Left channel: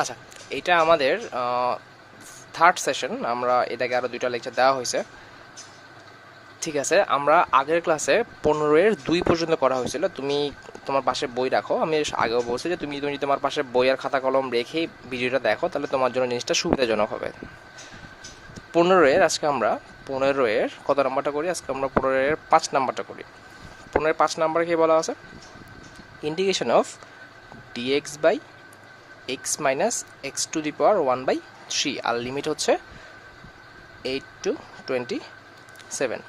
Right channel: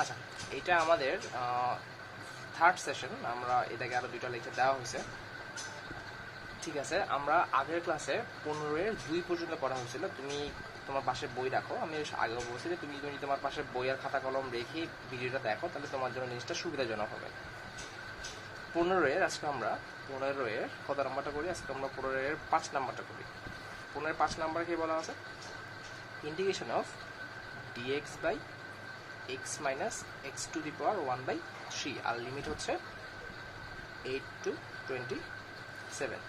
আচ্ছা, এটা আমাদের থার্ড সেশন। আমরা এটাকে আরও 2টা লেকচার দেওয়া হয়েছে। ঠিক আছে, আমরা আগের ক্লাসে 15-2 পর্যন্ত করা হয়েছিল। তুমি তোমার পাশে বই রাখো। আমি আগেও বলছি যে তুমি তুমি তোমার পাশে বই আর খাতা কলম রেখেই ভিডিওটা দেখো, তাহলে তোমার জন্য জিনিসটা সুবিধাজনক হবে। 15 আজকে আমরা 15 কত নাম্বারটা করি? আজকে আমরা 15 নাম্বারটা করি। 15 কি বলা আছে? Integration of DX by X minus X to the power 1/3, আর লিমিট হচ্ছে 8 to 27।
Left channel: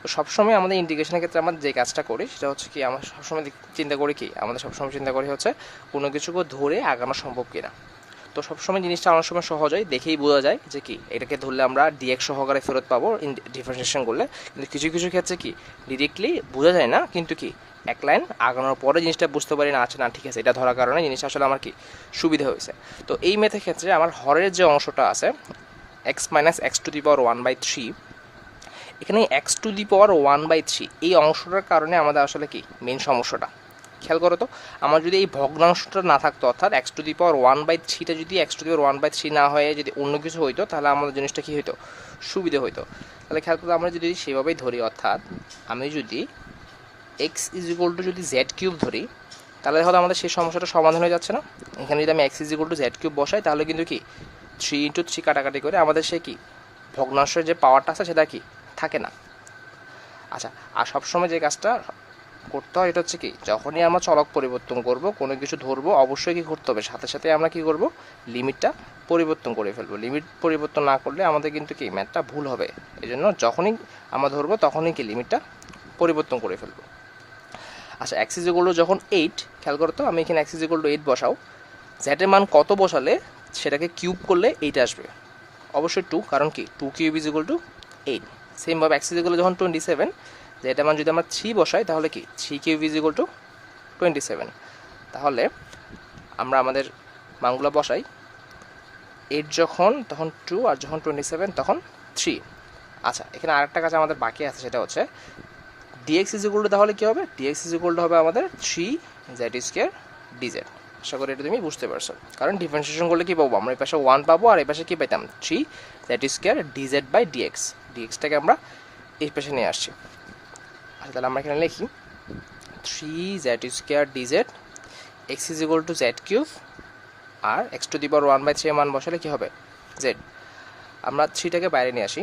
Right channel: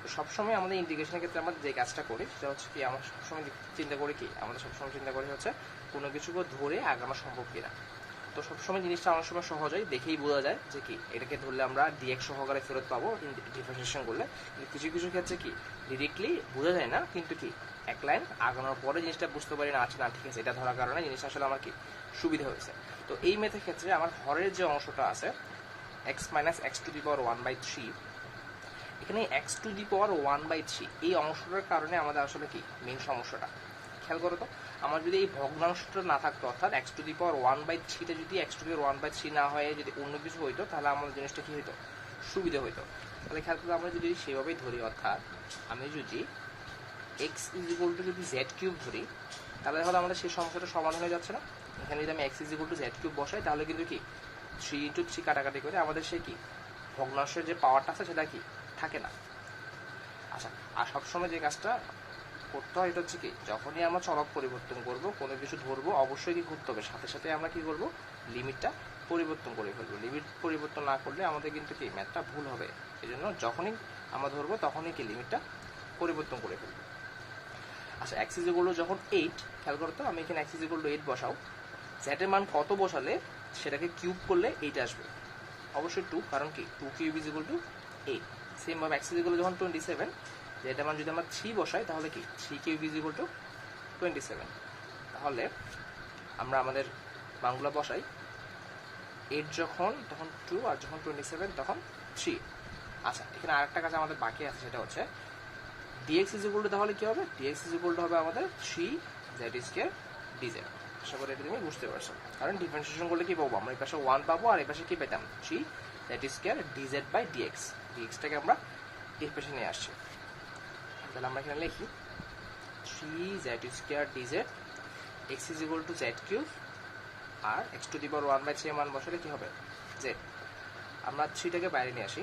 তো সবসময় আমাদের ইন্টিগ্রেশনের ক্ষেত্রে আমরা যে কাজটা করি সেটা হচ্ছে কি, আমরা সবসময় চিন্তা করি কি, আমাদের সবসময় চিন্তা করি হচ্ছে কোনো কিছুকে ধরে আগানো সম্ভব কিনা। তো সবসময় জিনিসটা অনেক সময় সহজ হয়, দেখেই বোঝা যায় যে কি এটাকে ধরলে আমরা ডিএক্স সহকারে ফেরত পাবো ডিফারেন্সিয়েশন করলে। কিন্তু কিছু কিছু ক্ষেত্রে কি ডিরেক্টলি বোঝা যায় না, কিন্তু কি এক লাইন আগানোর পরে জিনিসটা বুঝতে পারি না, আচ্ছা না ঠিক আছে এটা ধরার কারণে জিনিসটা আসলে আমার কি সুবিধা হয়েছে। তো এই মেথের ক্ষেত্রে আমার হরের যে অংশটা আছে X minus X to the power 1/3, এখানে এক্স টু দি পাওয়ার 1/3 এই অংশটার কারণে আমাদের আসলে কি মেন সমস্যাটা। খেয়াল করো তো, আমার যদি এই ভগ্নাংশটা না থাকতো, অর্থাৎ এক্স টু দি পাওয়ার 1/3টা যদি এক্স টু দি পাওয়ার 1/3 না হয়ে যদি অন্য কিছু হইতো, তাহলে আমাদের জিনিসটা কী হইতো, সুবিধা হইতো। তাহলে খেয়াল করো, আমরা যদি সেভাবেই ধরি, অর্থাৎ আমি যদি এক্স ইজ ইকুয়াল টু যদি জেড কিউব ধরি, তাহলে হয়তো আমাদের সেই সমস্যাটা সমাধান হয়ে যাচ্ছে না। এখানে যদি আমি x is equal to Z cube বসাই, তাহলে কিন্তু কি 3 × 3 কাটাকাটি করে আমাদের সে কি ভগ্নাংশের যে পাওয়ারটা আছে সেটা কি থাকে না। আচ্ছা, আর সবসময় যে কাজটা করতে হয় এটা হচ্ছে কি, যখনই আমরা চলক পরিবর্তন করব, কোনো কিছু ধরবো, অবশ্যই কি করতে হবে, সাথে সাথে আমরা কি করব, লিমিটটা পরিবর্তন করে ফেলবো। লিমিট পরিবর্তন না করলে আমাদের কিন্তু কি ম্যাথটা ভুল হবে। এই জন্য যখনই আমরা ধরবো তখনই কি লিমিটটা পরিবর্তন করে ফেলবো। আচ্ছা, এক্স ইজ ইকুয়াল টু যখন 8, খেয়াল করতো আমি এখানে এক্স ইজ ইকুয়াল টু 8 বসাও, জ্যাটের মান কত বসালে সেটাকে কিউব করলে 8 আসবে? অবশ্যই 2, কারণ কি 2 কিউব ইজ ইকুয়াল টু 8। সেমভাবে এক্স ইজ ইকুয়াল টু যখন 27, যে এটা মান যদি আমরা 3 বসাই, তাহলে কি 3 কিউব ইজ ইকুয়াল টু 27। তাহলে আমরা আমাদের মানগুলো বসাই, 8 যখন তখন 2, আর যখন 27 তখন 3। আচ্ছা, এখানে আরেকটা কাজ আমাদের বাকি আছে, সেটা হচ্ছে ডিএক্স ইজ ইকুয়াল টু, তাহলে কী হবে, ডিএক্স ইজ ইকুয়াল টু হবে আমাদের 3z² dz। আশা করি এটা তুমি বুঝতে পারছো, কারণ ডিফারেন্সিয়েশন করলে কী পাবো, আমরা এই পাশে 1 পাবো আর এই পাশে কী পেতাম, 3z² dz/dx। ডিএক্সটাকে আমরা এই পাশে নিয়ে আসছি। তাহলে আমরা এখানে লিখি 3z² dz, X is equal to Z cube, আর এক্স টু দি পাওয়ার 1/3 মান বসালে কী হবে, জেড। আমরা 3টাকে বাইরে নিয়ে আসি,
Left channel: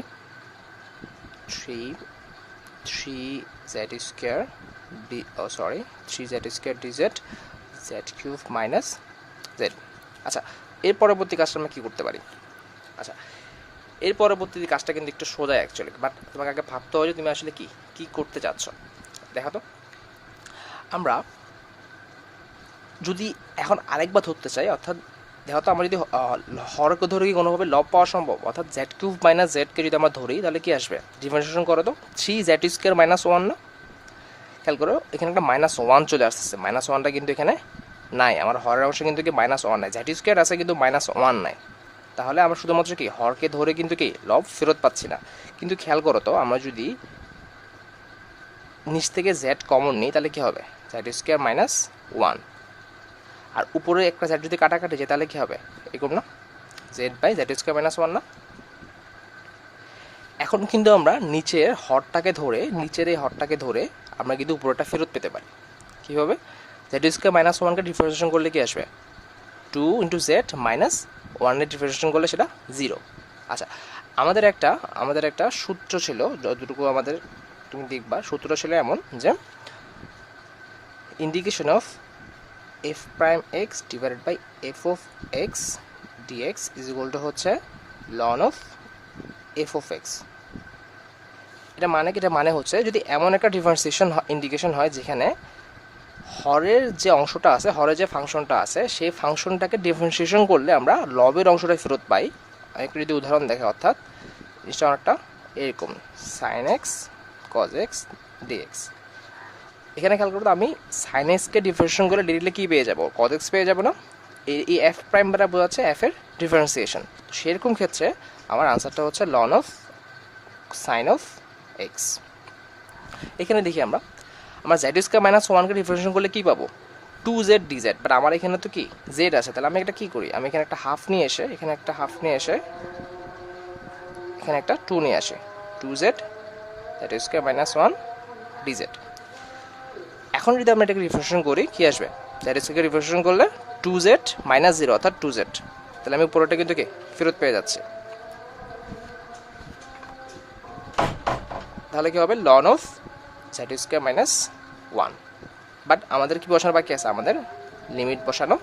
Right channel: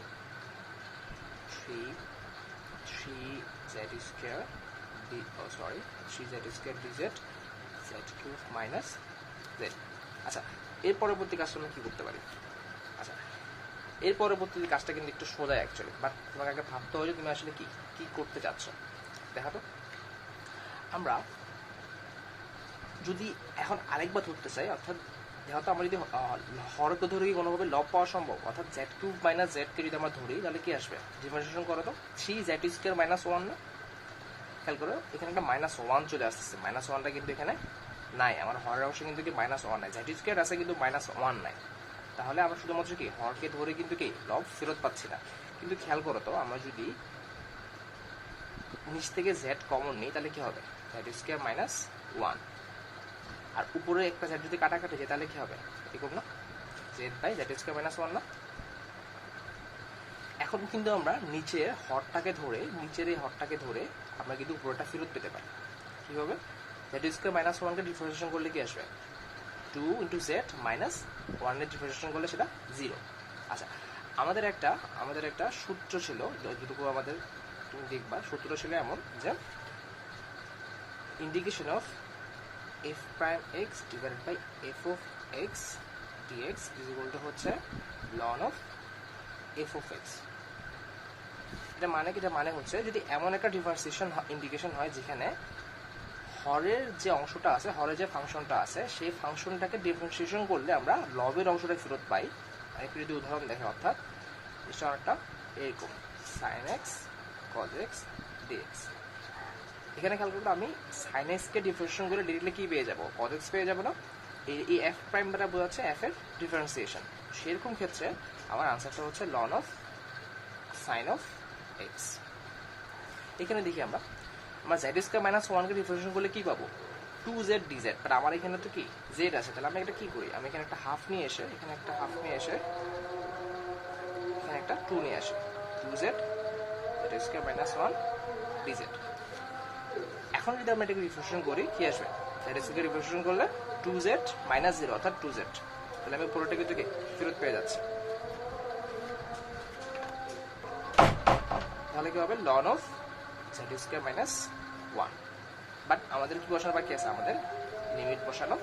3z² dz Z cube minus Z. আচ্ছা, এর পরবর্তী কাজটা আমরা কী করতে পারি? আচ্ছা, এর পরবর্তী কাজটা কিন্তু একটু সোজা অ্যাকচুয়ালি, বাট তোমাকে আগে ভাবতে হবে যে তুমি আসলে কি কী করতে চাচ্ছ। দেখা তো, আমরা যদি এখন আরেকবার ধরতে চাই, অর্থাৎ দেখো তো, আমরা যদি হরকে ধরে কি কোনোভাবে লব পাওয়া সম্ভব? অর্থাৎ জেড কিউব মাইনাস জেডকে যদি আমরা ধরি, তাহলে কি আসবে, ডিফারেন্সিয়েশন করো তো, 3z² মাইনাস 1 না? খেয়াল করো, এখানে একটা -1 চলে আসতেছে, -1টা কিন্তু এখানে নাই, আমার হরের অংশে কিন্তু কি -1 নাই, z² আছে কিন্তু -1 নাই। তাহলে আমরা শুধুমাত্র কি হরকে ধরে কিন্তু কি লব ফেরত পাচ্ছি না। কিন্তু খেয়াল করো তো, আমরা যদি নিচ থেকে জেড কমন নিই, তাহলে কি হবে, z² মাইনাস 1, আর উপরে একটা জেড যদি কাটাকাটি যায়, তাহলে কি হবে, এরকম না, z/z² মাইনাস 1 না? এখন কিন্তু আমরা নিচের এই হরটাকে ধরে আমরা কিন্তু উপরেটা ফেরত পেতে পারি। কীভাবে, z² মাইনাস 1কে ডিফারেন্সিয়েশন করলে কি আসবে, 2 × z মাইনাস 1-এর ডিফারেন্সিয়েশন করলে সেটা 0। আচ্ছা, আমাদের একটা সূত্র ছিল, যতটুকু আমাদের তুমি দেখবা, সূত্রটা ছিল এমন যে integration of f'(x) divided by f(x) dx is equal to হচ্ছে ln অফ f(x). এটা মানে হচ্ছে, যদি এমন একটা ডিফারেন্সিয়েশন ইন্টিগ্রেশন হয় যেখানে হরের যে অংশটা আছে, হরের যে ফাংশনটা আছে, সেই ফাংশনটাকে ডিফারেন্সিয়েশন করলে আমরা লবের অংশটা ফেরত পাই। একটু যদি উদাহরণ দেখে, অর্থাৎ জিনিসটা অনেকটা এরকম, sin x cos x dx। এখানে খেয়াল করতে, আমি sin x-কে ডিফারেন্সিয়েশন করে ডিরেক্টলি কী পেয়ে যাবো, cos x পেয়ে যাবো না? এই এফ প্রাইম দ্বারা বোঝাচ্ছে এফ এর ডিফারেন্সিয়েশন। সেরকম ক্ষেত্রে আমার আনসারটা হচ্ছে ln of sin of x। এখানে দেখি আমরা z² মাইনাস 1কে ডিফারেন্সিয়েশন করলে কী পাবো, 2z dz, বাট আমার এখানে তো কি z আছে, তাহলে আমি একটা কি করি, আমি এখানে একটা হাফ নিয়ে এসে এখানে একটা হাফ নিয়ে এসে এখানে একটা 2 নিয়ে আসি, 2z that is square minus 1 dz। এখন যদি আমরা এটাকে রিফ্রেশন করি কি আসবে, দ্যাট ইজ স্কয়ার রিফ্রেশন করলে 2z মাইনাস 0 অর্থাৎ 2z, তাহলে আমি পুরোটা কিন্তু কি ফেরত পেয়ে যাচ্ছি। তাহলে কি হবে লন of z square minus 1, but আমাদের কি বসানো বাকি আছে, আমাদের লিমিট বসানো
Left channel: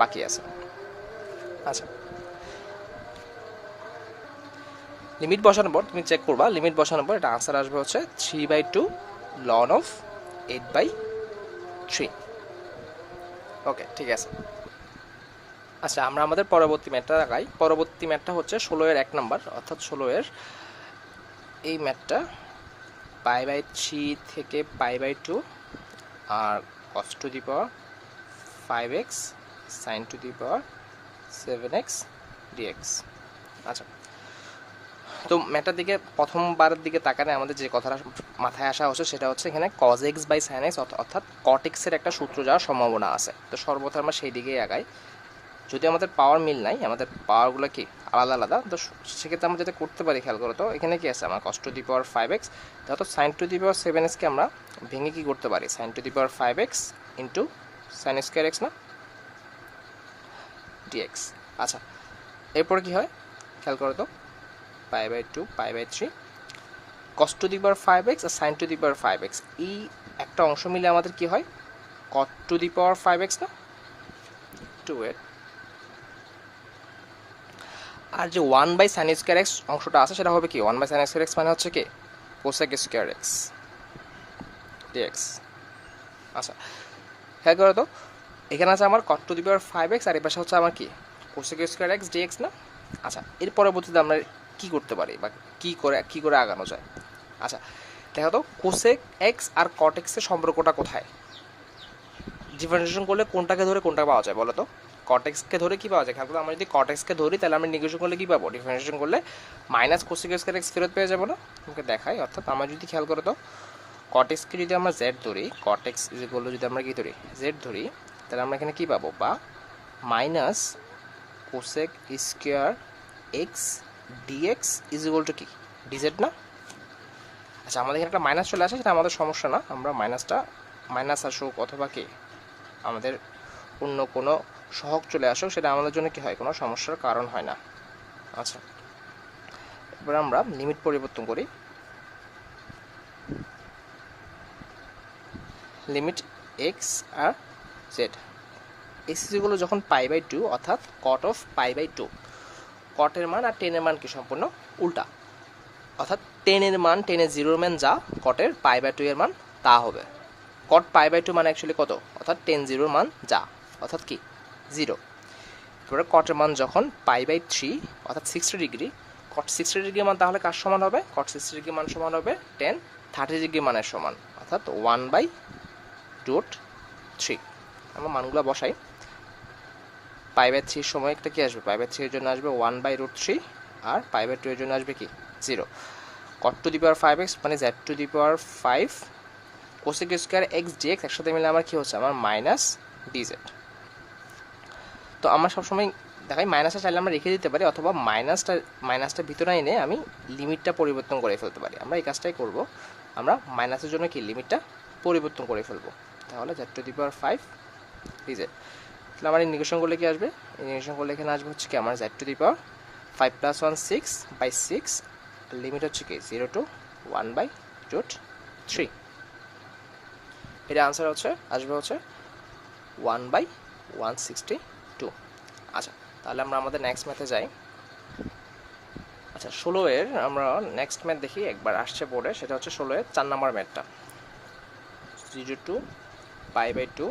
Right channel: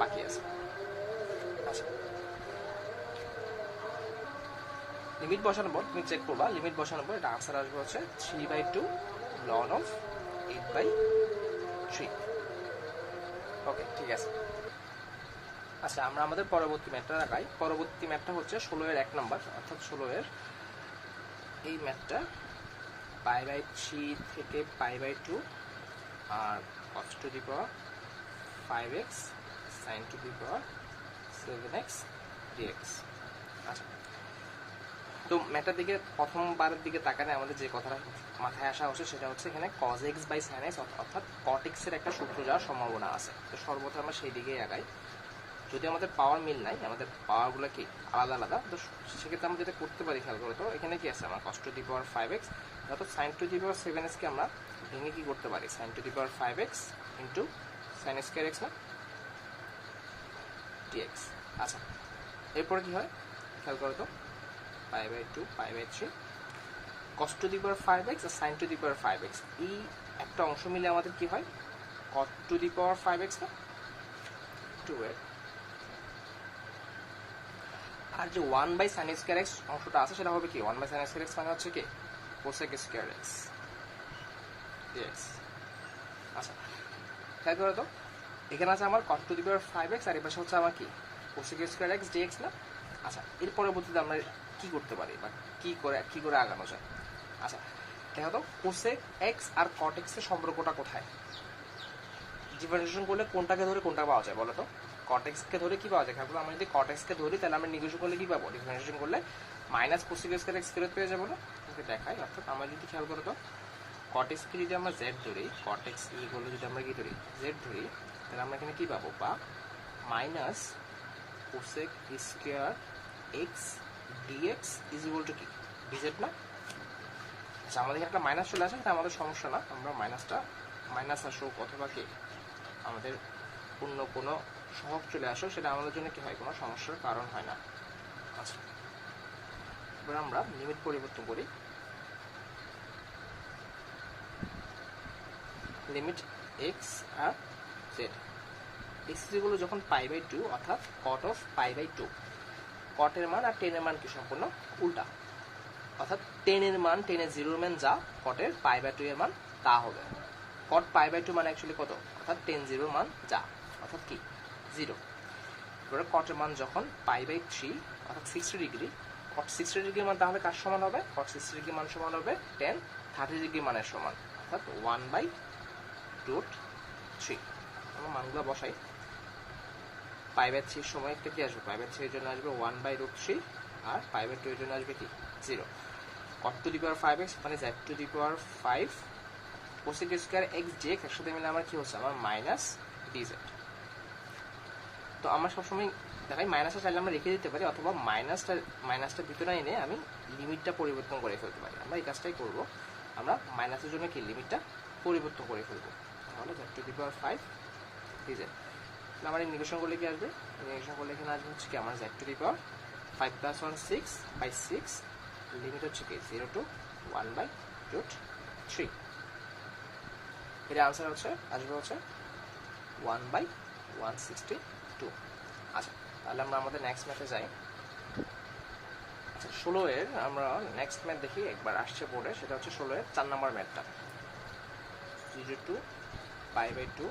বাকি আছে। আচ্ছা, লিমিট বসানোর পর তুমি চেক করবা, লিমিট বসানোর পর এটা আনসার আসবে হচ্ছে 3/2 লন অফ 8/3। ওকে, ঠিক আছে। আচ্ছা, আমরা আমাদের পরবর্তী ম্যাথটা লাগাই। পরবর্তী ম্যাথটা হচ্ছে 16 এর 1 নাম্বার, অর্থাৎ 16 এর এই ম্যাথটা π/3 থেকে π/2 আর cos to the power 5x sin to the power 7x dx। আচ্ছা, তো ম্যাটার দিকে প্রথমবারের দিকে তাকালে আমাদের যে কথাটা মাথায় আসা হচ্ছে সেটা হচ্ছে এখানে cos x by sin x অর্থাৎ cot x এর একটা সূত্র যাওয়ার সম্ভাবনা আছে। তো সর্বদা আমরা সেই দিকেই আগাই, যদি আমাদের পাওয়ার মিল নাই, আমাদের পাওয়ারগুলো কি আলাদা আলাদা, তো সেক্ষেত্রে আমরা যেটা করতে পারি খেয়াল করো তো, এখানে কি আছে আমার cos to the power 5x, তো sin to the power 7x কে আমরা ভেঙে কি করতে পারি, sin to the power 5x into sin square x না dx। আচ্ছা, এরপর কি হয় খেয়াল করো তো, π/2 π/3 cos to the power 5x আর sin to the power 5x, এই একটা অংশ মিলে আমাদের কি হয় cot two the power 5x না 2 আর যে 1/sin স্কয়ার x অংশটা আছে সেটা হবে কি 1/sin স্কয়ার x মানে হচ্ছে কি cosec স্কয়ার x dx। আচ্ছা, খেয়াল করো তো, এখানে আছে আমার cot two the power 5x আর এই পাশে হচ্ছে আমার কি cosec স্কয়ার x dx না। আচ্ছা, এর পরবর্তীতে আমরা কি করতে পারি বা কি করে আগানো যায়। আচ্ছা, দেখো তো cosec x আর cot x এর সম্পর্কটা কোথায়, ডিফারেন্সিয়েশন করলে কোনটাকে ধরে কোনটা পাওয়া যায় বলো তো, cot x কে ধরে কি পাওয়া যায়, খেয়াল করো আমরা যদি cot x কে ধরি তাহলে আমরা নেগেশন করলে কি পাবো, ডিফারেন্সিয়েশন করলে মাইনাস cosec স্কয়ার x ফেরত পেয়ে যাবো না। তোমাকে দেখাই, অর্থাৎ আমরা যদি খেয়াল করো তো cot x কে যদি আমরা z ধরি, cot x বললো যদি আমরা কি ধরি z ধরি, তাহলে আমরা এখানে কি পাবো, বা minus cosec square x dx is equal to কি dz না। আচ্ছা, আমাদের এখানে একটা মাইনাস চলে আসে, সেটা আমাদের সমস্যা না, আমরা মাইনাস আসুক অথবা কি আমাদের অন্য কোনো সহগ চলে আসুক, সেটা আমাদের জন্য কি হয় কোনো সমস্যার কারণ হয় না। আচ্ছা, এবার আমরা লিমিট পরিবর্তন করি, লিমিট x আর z এগুলো যখন π/2 অর্থাৎ cot অফ π/2, cot এর মান আর tan এর মান কি সম্পূর্ণ উল্টা, অর্থাৎ tan এর মান, tan এর 0 মান যা cot এর π/2 এর মান তা হবে। cot π/2 মানে অ্যাকচুয়ালি কত, অর্থাৎ tan 0 মান যা অর্থাৎ কি 0। এবারে cot এর মান যখন π/3 অর্থাৎ 60 ডিগ্রি, cot 60 ডিগ্রি মান তাহলে কার সমান হবে, cot 60 ডিগ্রি মান সমান হবে tan 30 ডিগ্রি মানের সমান, অর্থাৎ 1/√3। আমরা মানগুলো বসাই, π/3 এর সময় একটা কি আসবে, π/3 এর জন্য আসবে 1/√3 আর π/2 এর জন্য আসবে কি 0। cot two the power 5x মানে z to the power 5 cosec square x dx একসাথে মিলে আমার কি হচ্ছে, আমার মাইনাস dz। তো আমরা সবসময় দেখাই মাইনাসটা চাইলে আমরা রেখে দিতে পারি, অথবা মাইনাসটা ভিতরে এনে আমি লিমিটটা পরিবর্তন করে ফেলতে পারি। আমরা এই কাজটাই করব, আমরা মাইনাসের জন্য কি লিমিটটা পরিবর্তন করে ফেলবো, তাহলে z to the power 5 dz। তাহলে আমার ইন্টিগ্রেশন করলে কি আসবে, ইন্টিগ্রেশন করলে এখানে আসবে হচ্ছে কি আমার z to the power 5 + 1 6/6, limit হচ্ছে কি 0 to 1/√3। এর আনসার হচ্ছে আসবে হচ্ছে 1/162। আচ্ছা, তাহলে আমরা আমাদের নেক্সট ম্যাথে যাই। আচ্ছা, 16 এর আমরা নেক্সট ম্যাথ দেখি, একবার আসছে বোর্ডে, সেটা হচ্ছে 16 এর 4 নম্বর ম্যাথটা, 0 to π/2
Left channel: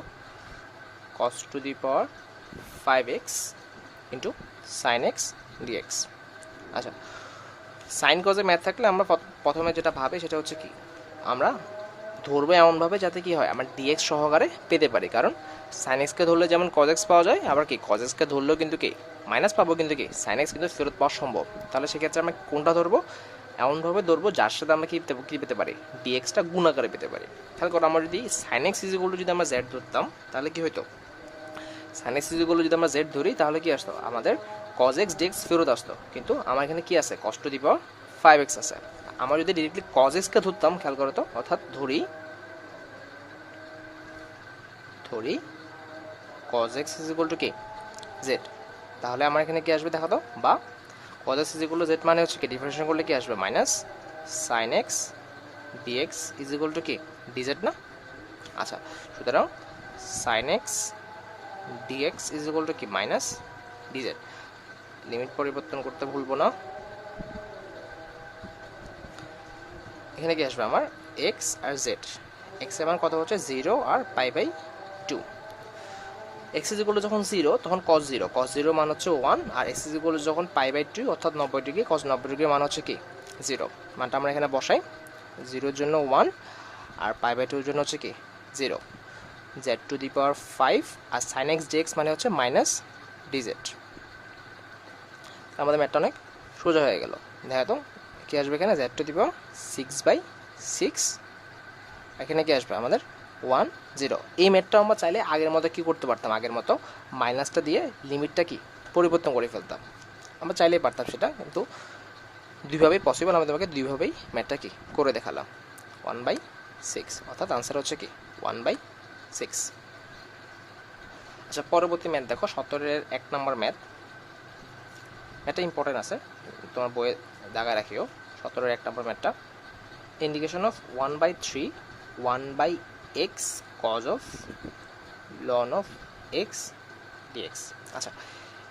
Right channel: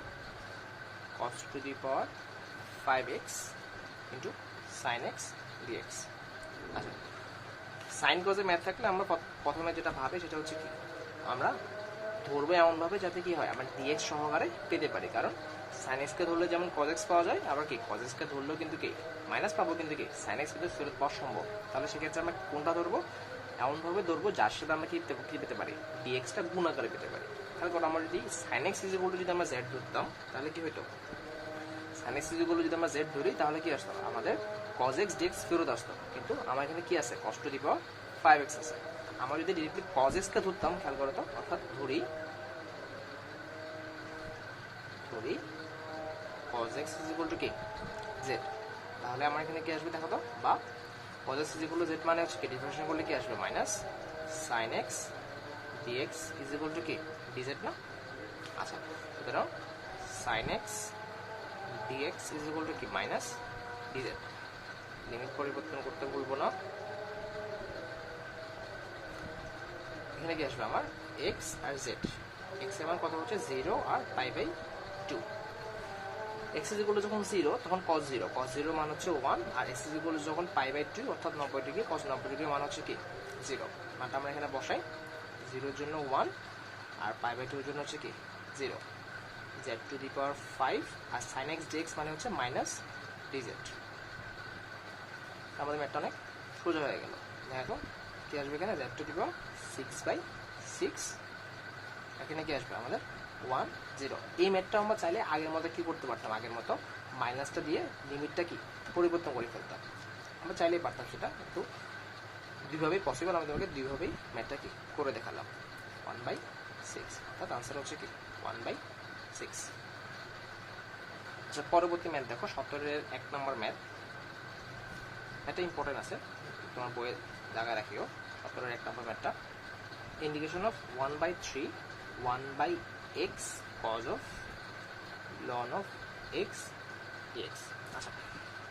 cos to the power 5x into sin x dx। আচ্ছা, সাইন কজে ম্যাথ থাকলে আমরা প্রথমে যেটা ভাবে সেটা হচ্ছে কি, আমরা ধরবো এমনভাবে যাতে কি হয় আমার dx সহকারে পেতে পারি, কারণ sin x কে ধরলে যেমন cos x পাওয়া যায়, আবার কি cos x কে ধরলেও কিন্তু কি মাইনাস পাবো, কিন্তু কি sin x কিন্তু ফেরত পাওয়া সম্ভব। তাহলে সেক্ষেত্রে আমরা কোনটা ধরবো, এমনভাবে ধরবো যার সাথে আমরা কী পেতে পারি, ডিএক্সটা গুণ আকারে পেতে পারি। খেয়াল করো, আমরা যদি sine X is equal to যদি আমরা জেড ধরতাম তাহলে কি হতো, sine X is equal to যদি আমরা জেড ধরি তাহলে কি আসতো, আমাদের কজ এক্স ডিএক্স ফেরত আসতো। কিন্তু আমার এখানে কি আছে, কস টু দি পাওয়ার 5x আছে। আমরা যদি ডিরেক্টলি কজ এক্সকে ধরতাম, খেয়াল করো তো, অর্থাৎ ধরি cos x is equal to কি z, তাহলে আমার এখানে কি আসবে দেখো তো, বা cos x is equal to z মানে হচ্ছে কি, ডিফারেন্সিয়েশন করলে কি আসবে, minus sin x dx is equal to কি dz না। আচ্ছা, সুতরাং sin x dx is equal to কি মাইনাস dz। লিমিট পরিবর্তন করতে ভুলবো না। এখানে কি আসবে আমার x আর z, x এর মান কত হচ্ছে 0 আর π/2। x is equal to যখন 0 তখন cos 0 মান হচ্ছে 1, আর x is equal to যখন π/2 অর্থাৎ 90 ডিগ্রি, cos 90 ডিগ্রি মান হচ্ছে কি 0। মানটা আমরা এখানে বসাই, 0 এর জন্য 1 আর π/2 এর জন্য হচ্ছে কি 0, z টু দি পাওয়ার 5 আর sin x dx মানে হচ্ছে মাইনাস dz। আমাদের ম্যাথটা অনেক সোজা হয়ে গেল। দেখো তো কি আসবে এখানে, z টু দি পাওয়ার 6/6, এখানে কি আসবে আমাদের 1 0। এই ম্যাথটা আমরা চাইলে আগের মতো কি করতে পারতাম, আগের মতো মাইনাসটা দিয়ে লিমিটটা কি পরিবর্তন করে ফেলতাম, আমরা চাইলেই পারতাম সেটা, কিন্তু দুইভাবেই পসিবল, আমরা তোমাকে দুইভাবেই ম্যাথটা কি করে দেখালাম। 1/6 অর্থাৎ আনসার হচ্ছে কি 1/6। আচ্ছা, পরবর্তী ম্যাথ দেখো, 17-এর 1 নম্বর ম্যাথ। ম্যাথটা ইম্পর্টেন্ট আছে, তোমার বইয়ে জায়গায় রাখিও। 17-এর 1 নম্বর ম্যাথটা, indication of 1/3 1/x cos of ln of x dx। আচ্ছা,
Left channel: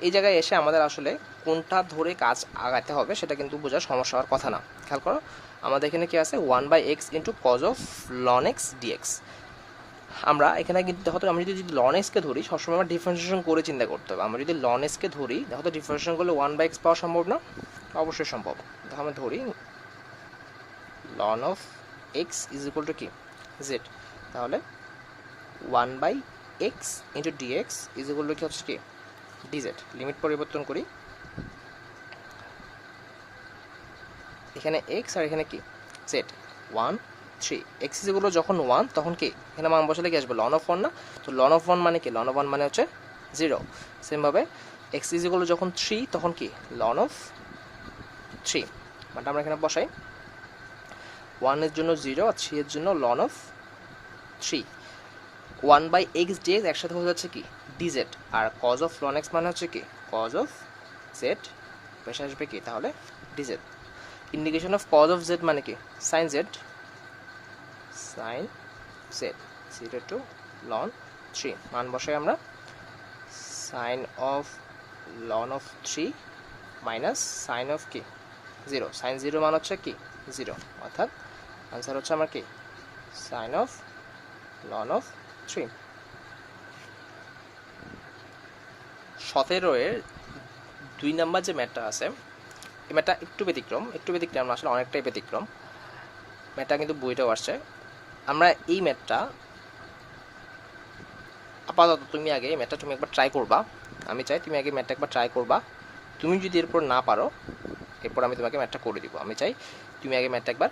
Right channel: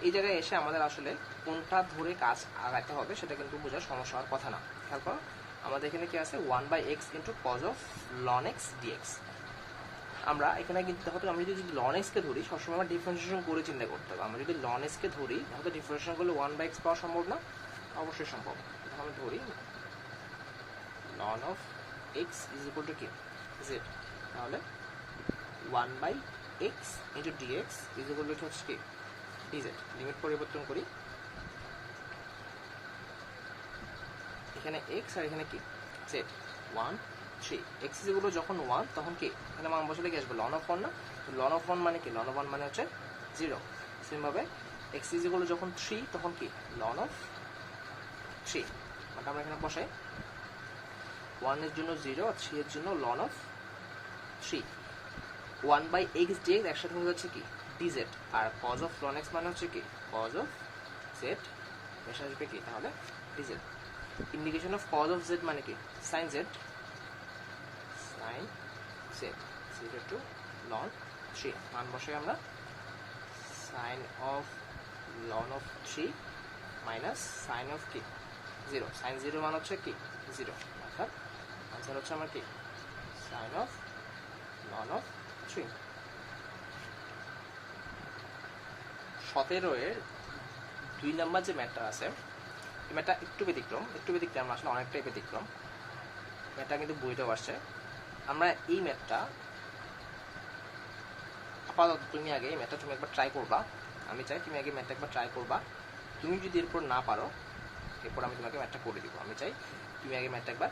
এই জায়গায় এসে আমাদের আসলে কোনটা ধরে কাজ আগাতে হবে সেটা কিন্তু বোঝার সমস্যা হওয়ার কথা না। খেয়াল করো, আমাদের এখানে কি আছে 1/x into cos of ln x dx। আমরা এখানে কিন্তু দেখো তো, আমি যদি ln x কে ধরি সবসময় আমার ডিফারেন্সিয়েশন করে চিন্তা করতে হবে। আমরা যদি ln x কে ধরি, দেখো তো ডিফারেন্সিয়েশন করলে 1/x পাওয়া সম্ভব না, অবশ্যই সম্ভব। দেখো আমরা ধরি ln of x is equal to কি z, তাহলে 1/x into dx is equal to কি হচ্ছে কি dz। লিমিট পরিবর্তন করি, এখানে x আর এখানে কি z, 1 3, x is equal to যখন 1 তখন কি এখানে মান বসালে কি আসবে ln of 1 না, তো ln of 1 মানে কি, ln of 1 মানে হচ্ছে 0। সেম ভাবে x is equal to যখন 3 তখন কি ln of 3, মানে আমরা এখানে বসাই 1 এর জন্য 0 আর 3 এর জন্য ln of 3। 1/x dx একসাথে হয়ে যাচ্ছে কি dz, R cos of ln x মানে হচ্ছে কি cos of z, পেশা আসবে কি তাহলে dz। Indication of cos of z মানে কি sin z 0 to ln 3, মান বসাই আমরা sin of ln of 3 minus sin of কি 0, sin 0 মান হচ্ছে কি 0, অর্থাৎ आंसर হচ্ছে আমার কি sin of ln of 3। 17-এর 2 number যে ম্যাথটা আছে, এই ম্যাথটা একটু ব্যতিক্রম না, আসলে অনেকটাই ব্যতিক্রম। ম্যাথটা কিন্তু বইটাও আসছে। আমরা এই ম্যাথটা আপাতত তুমি আগে এই ম্যাথটা তুমি একবার ট্রাই করবা, আমি চাই তুমি আগে ম্যাথটা একবার ট্রাই করবা। তুমি যদি এরপর না পারো, এরপর আমি তোমাকে ম্যাথটা করে দিব। আমি চাই তুমি আগে ম্যাথটা একবার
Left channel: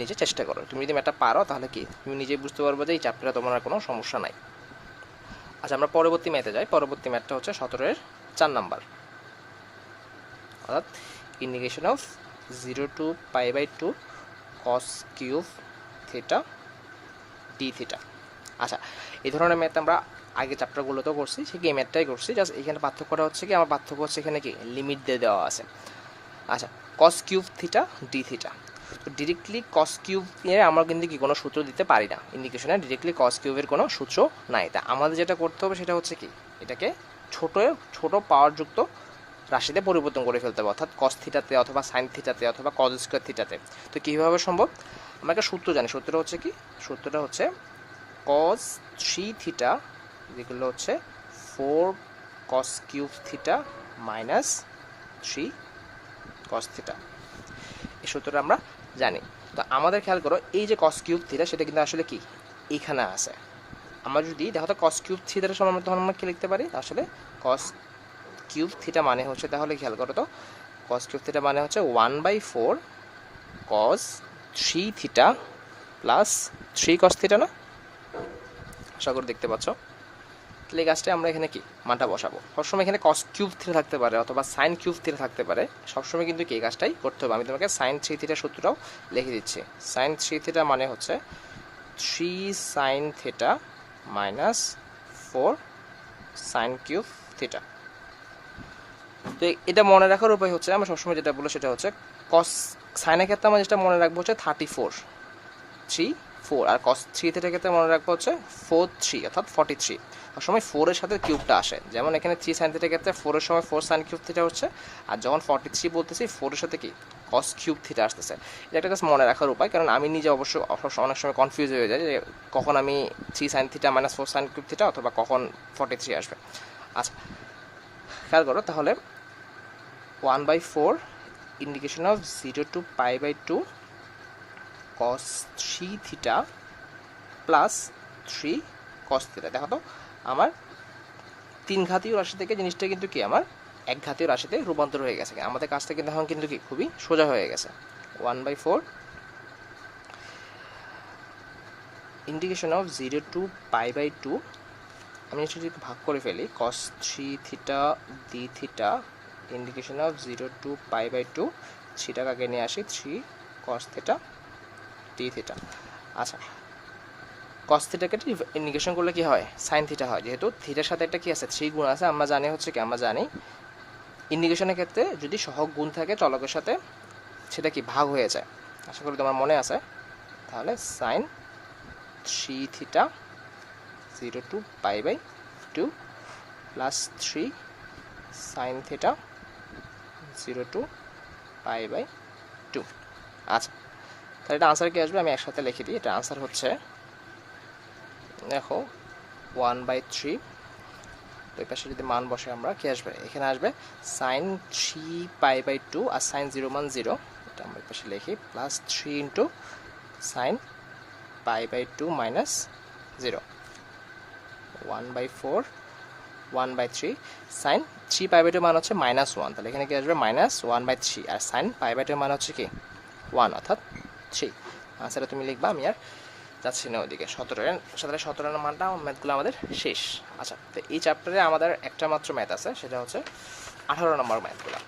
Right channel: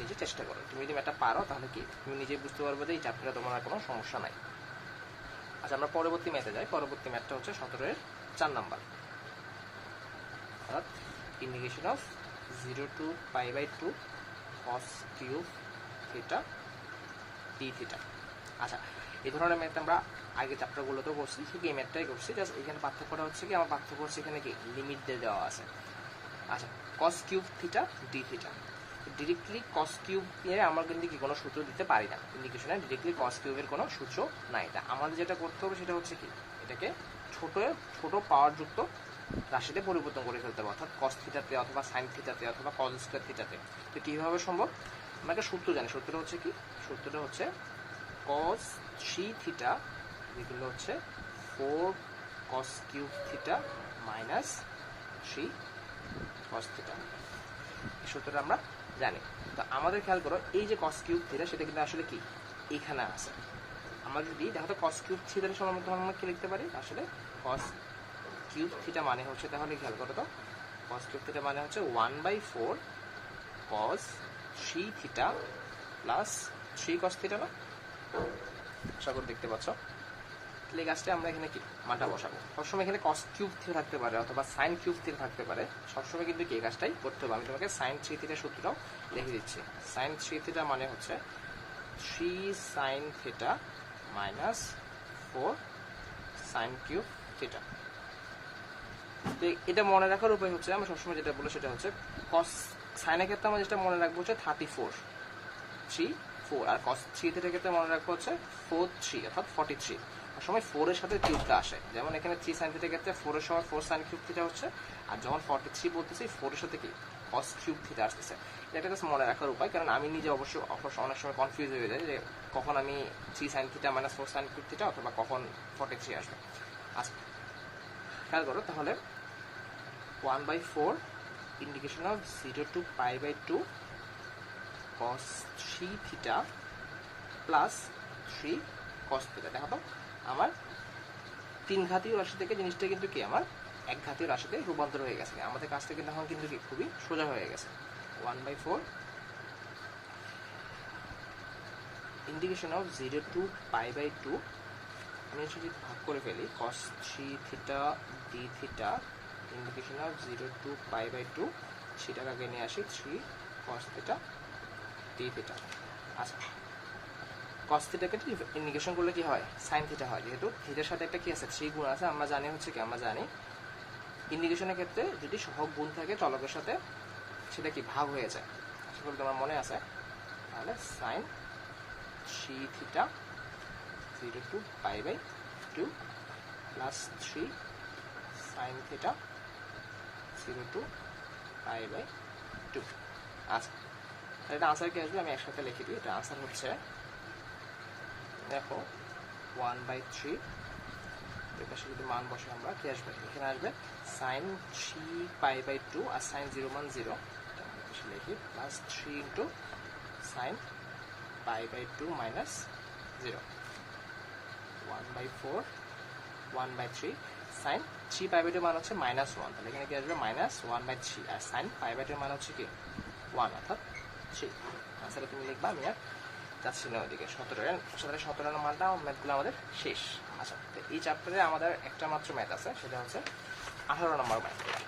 নিজে চেষ্টা করো। তুমি যদি ম্যাথটা পারো তাহলে কি তুমি নিজেই বুঝতে পারবে যে এই চ্যাপ্টারে তোমার আর কোনো সমস্যা নাই। আচ্ছা, আমরা পরবর্তী ম্যাথে যাই। পরবর্তী ম্যাথটা হচ্ছে 17-এর 4 নাম্বার, অর্থাৎ indication of 0 to π/2 cos cube theta d theta. আচ্ছা, এই ধরনের ম্যাথ আমরা আগে চ্যাপ্টারগুলোতেও করছি, ঠিক এই ম্যাথটাই করছি, জাস্ট এখানে পার্থক্যটা হচ্ছে কি, আমার পার্থক্য হচ্ছে এখানে কি লিমিট দিয়ে দেওয়া আছে। আচ্ছা, cos cube theta d theta, তো ডিরেক্টলি cos কিউব এর আমরা কিন্তু কি কোনো সূত্র দিতে পারি না ইন্ডিকেশনে, ডিরেক্টলি cos কিউবের কোনো সূত্র নাই। তা আমাদের যেটা করতে হবে সেটা হচ্ছে কি, এটাকে ছোট পাওয়ারযুক্ত রাশিতে পরিবর্তন করে ফেলতে হবে, অর্থাৎ cos থিটাতে অথবা sin থিটাতে অথবা cos স্কয়ার থিটাতে। তো কীভাবে সম্ভব, আমরা একটা সূত্র জানি, সূত্রটা হচ্ছে কি, সূত্রটা হচ্ছে cos 3 থিটা যেগুলো হচ্ছে 4 cos cube theta minus 3 cos theta. এই সূত্রটা আমরা জানি। তো আমাদের খেয়াল করো, এই যে cos কিউব থিটা সেটা কিন্তু আসলে কি এখানে আছে। আমরা যদি দেখো তো cos কিউব থিটার সমান তখন আমরা কি লিখতে পারি, আসলে cos কিউব থিটা মানে হচ্ছে, তাহলে খেয়াল করো তো cos কিউব থিটা মানে হচ্ছে 1/4 কস 3 থিটা প্লাস 3 কস থিটা না? আশা করি দেখতে পাচ্ছ। তাহলে এই কাজটা আমরা এখানে কি মানটা বসাবো। সবসময় এখানে কস কিউব থিটা থাকতে পারে অথবা সাইন কিউব থিটা থাকতে পারে, সবসময় কিন্তু কি এই কাজটাই করতে হবে। আমি তোমাকে সাইন 3 থিটা সূত্রটাও লিখে দিচ্ছি। সাইন 3 থিটা মানে হচ্ছে 3 sine theta minus 4 sine cube theta. তো এটা মনে রাখার উপায় হচ্ছে, আমরা সবসময় যেটা বলবো সেটা হচ্ছে কস সাইনের ক্ষেত্রে আমরা যেটা মনে রাখবো হচ্ছে 34 3 4, আর কস 3 থিটার ক্ষেত্রে মনে রাখবো হচ্ছে 4 3 অর্থাৎ 43। সবসময় 4 এর সাথে কিউবটা আসে, যেমন এখানে 3 সাইন থিটার ক্ষেত্রে 4 এর সময় 4 সাইন কিউব থিটা হচ্ছে, আর যখন 43 বলতেছি 4 এর সাথে কি কস কিউব থিটা আসতেছে। এটা একটা জাস্ট মনে রাখার উপায়, কারণ আমি নিজে অবশ্য অনেক সময় কনফিউজ হয়ে যায় যে কখন আমি 3 sine theta minus 4 sine cube theta অথবা কখন 43 আসবে। আচ্ছা খেয়াল করো তাহলে 1/4 indication of 0 to π/2 cos 3 theta plus 3 cos theta. দেখো তো আমার 3 ঘাতীয় রাশি থেকে জিনিসটা কিন্তু কি আমার 1 ঘাতীয় রাশিতে রূপান্তর হয়ে গেছে। আমাদের কাজটা কিন্তু এখন কিন্তু কি খুবই সোজা হয়ে গেছে। 1/4 ইন্ডিকেশন অফ 0 to π/2, আমি যদি ভাগ করে ফেলি cos 3 theta d theta indication of 0 to π/2, 3টাকে আগে নিয়ে আসি 3 cos থিটা d থিটা। আচ্ছা cos থিটাকে ইন্ডিকেশন করলে কি হয় sin থিটা হয়, যেহেতু থিটার সাথে একটা কি আছে 3 গুণ আছে। আমরা জানি হচ্ছে কি আমরা জানি ইন্ডিকেশনের ক্ষেত্রে যদি সহগ গুণ থাকে চলকের সাথে সেটা কি ভাগ হয়ে যায়। আশা করি তোমার মনে আছে। তাহলে sin 3 theta 0 to π/2 plus 3 sin theta 0 to π/2। আচ্ছা তাহলে এটা আনসার কি আসবে, আমি একসাথে লিখে দিই। এটা আনসার হচ্ছে দেখো 1/3, তো পাশে যদি মান বসে আমরা কি আসবে, এখানে আসবে sin 3 π/2 আর sin 0 মান 0, এটা আমরা পাশে লিখি plus 3 into sin π/2 minus 0, 1/4 1/3 sin 3 π/2 মান হচ্ছে -1, তাহলে এখানে কি আসবে -1/3, আর sin π/2 মান হচ্ছে কি 1 অর্থাৎ 3। আনসারটা তুমি লিখবা, আমি আর যাচ্ছি না ওইদিকে। 17 মানটা ম্যাথগুলো আমাদের শেষ। আচ্ছা তো এই চ্যাপ্টারে আমাদের একটা মাত্র ম্যাথ আছে, সেটা হচ্ছে 18 নম্বর ম্যাথগুলো।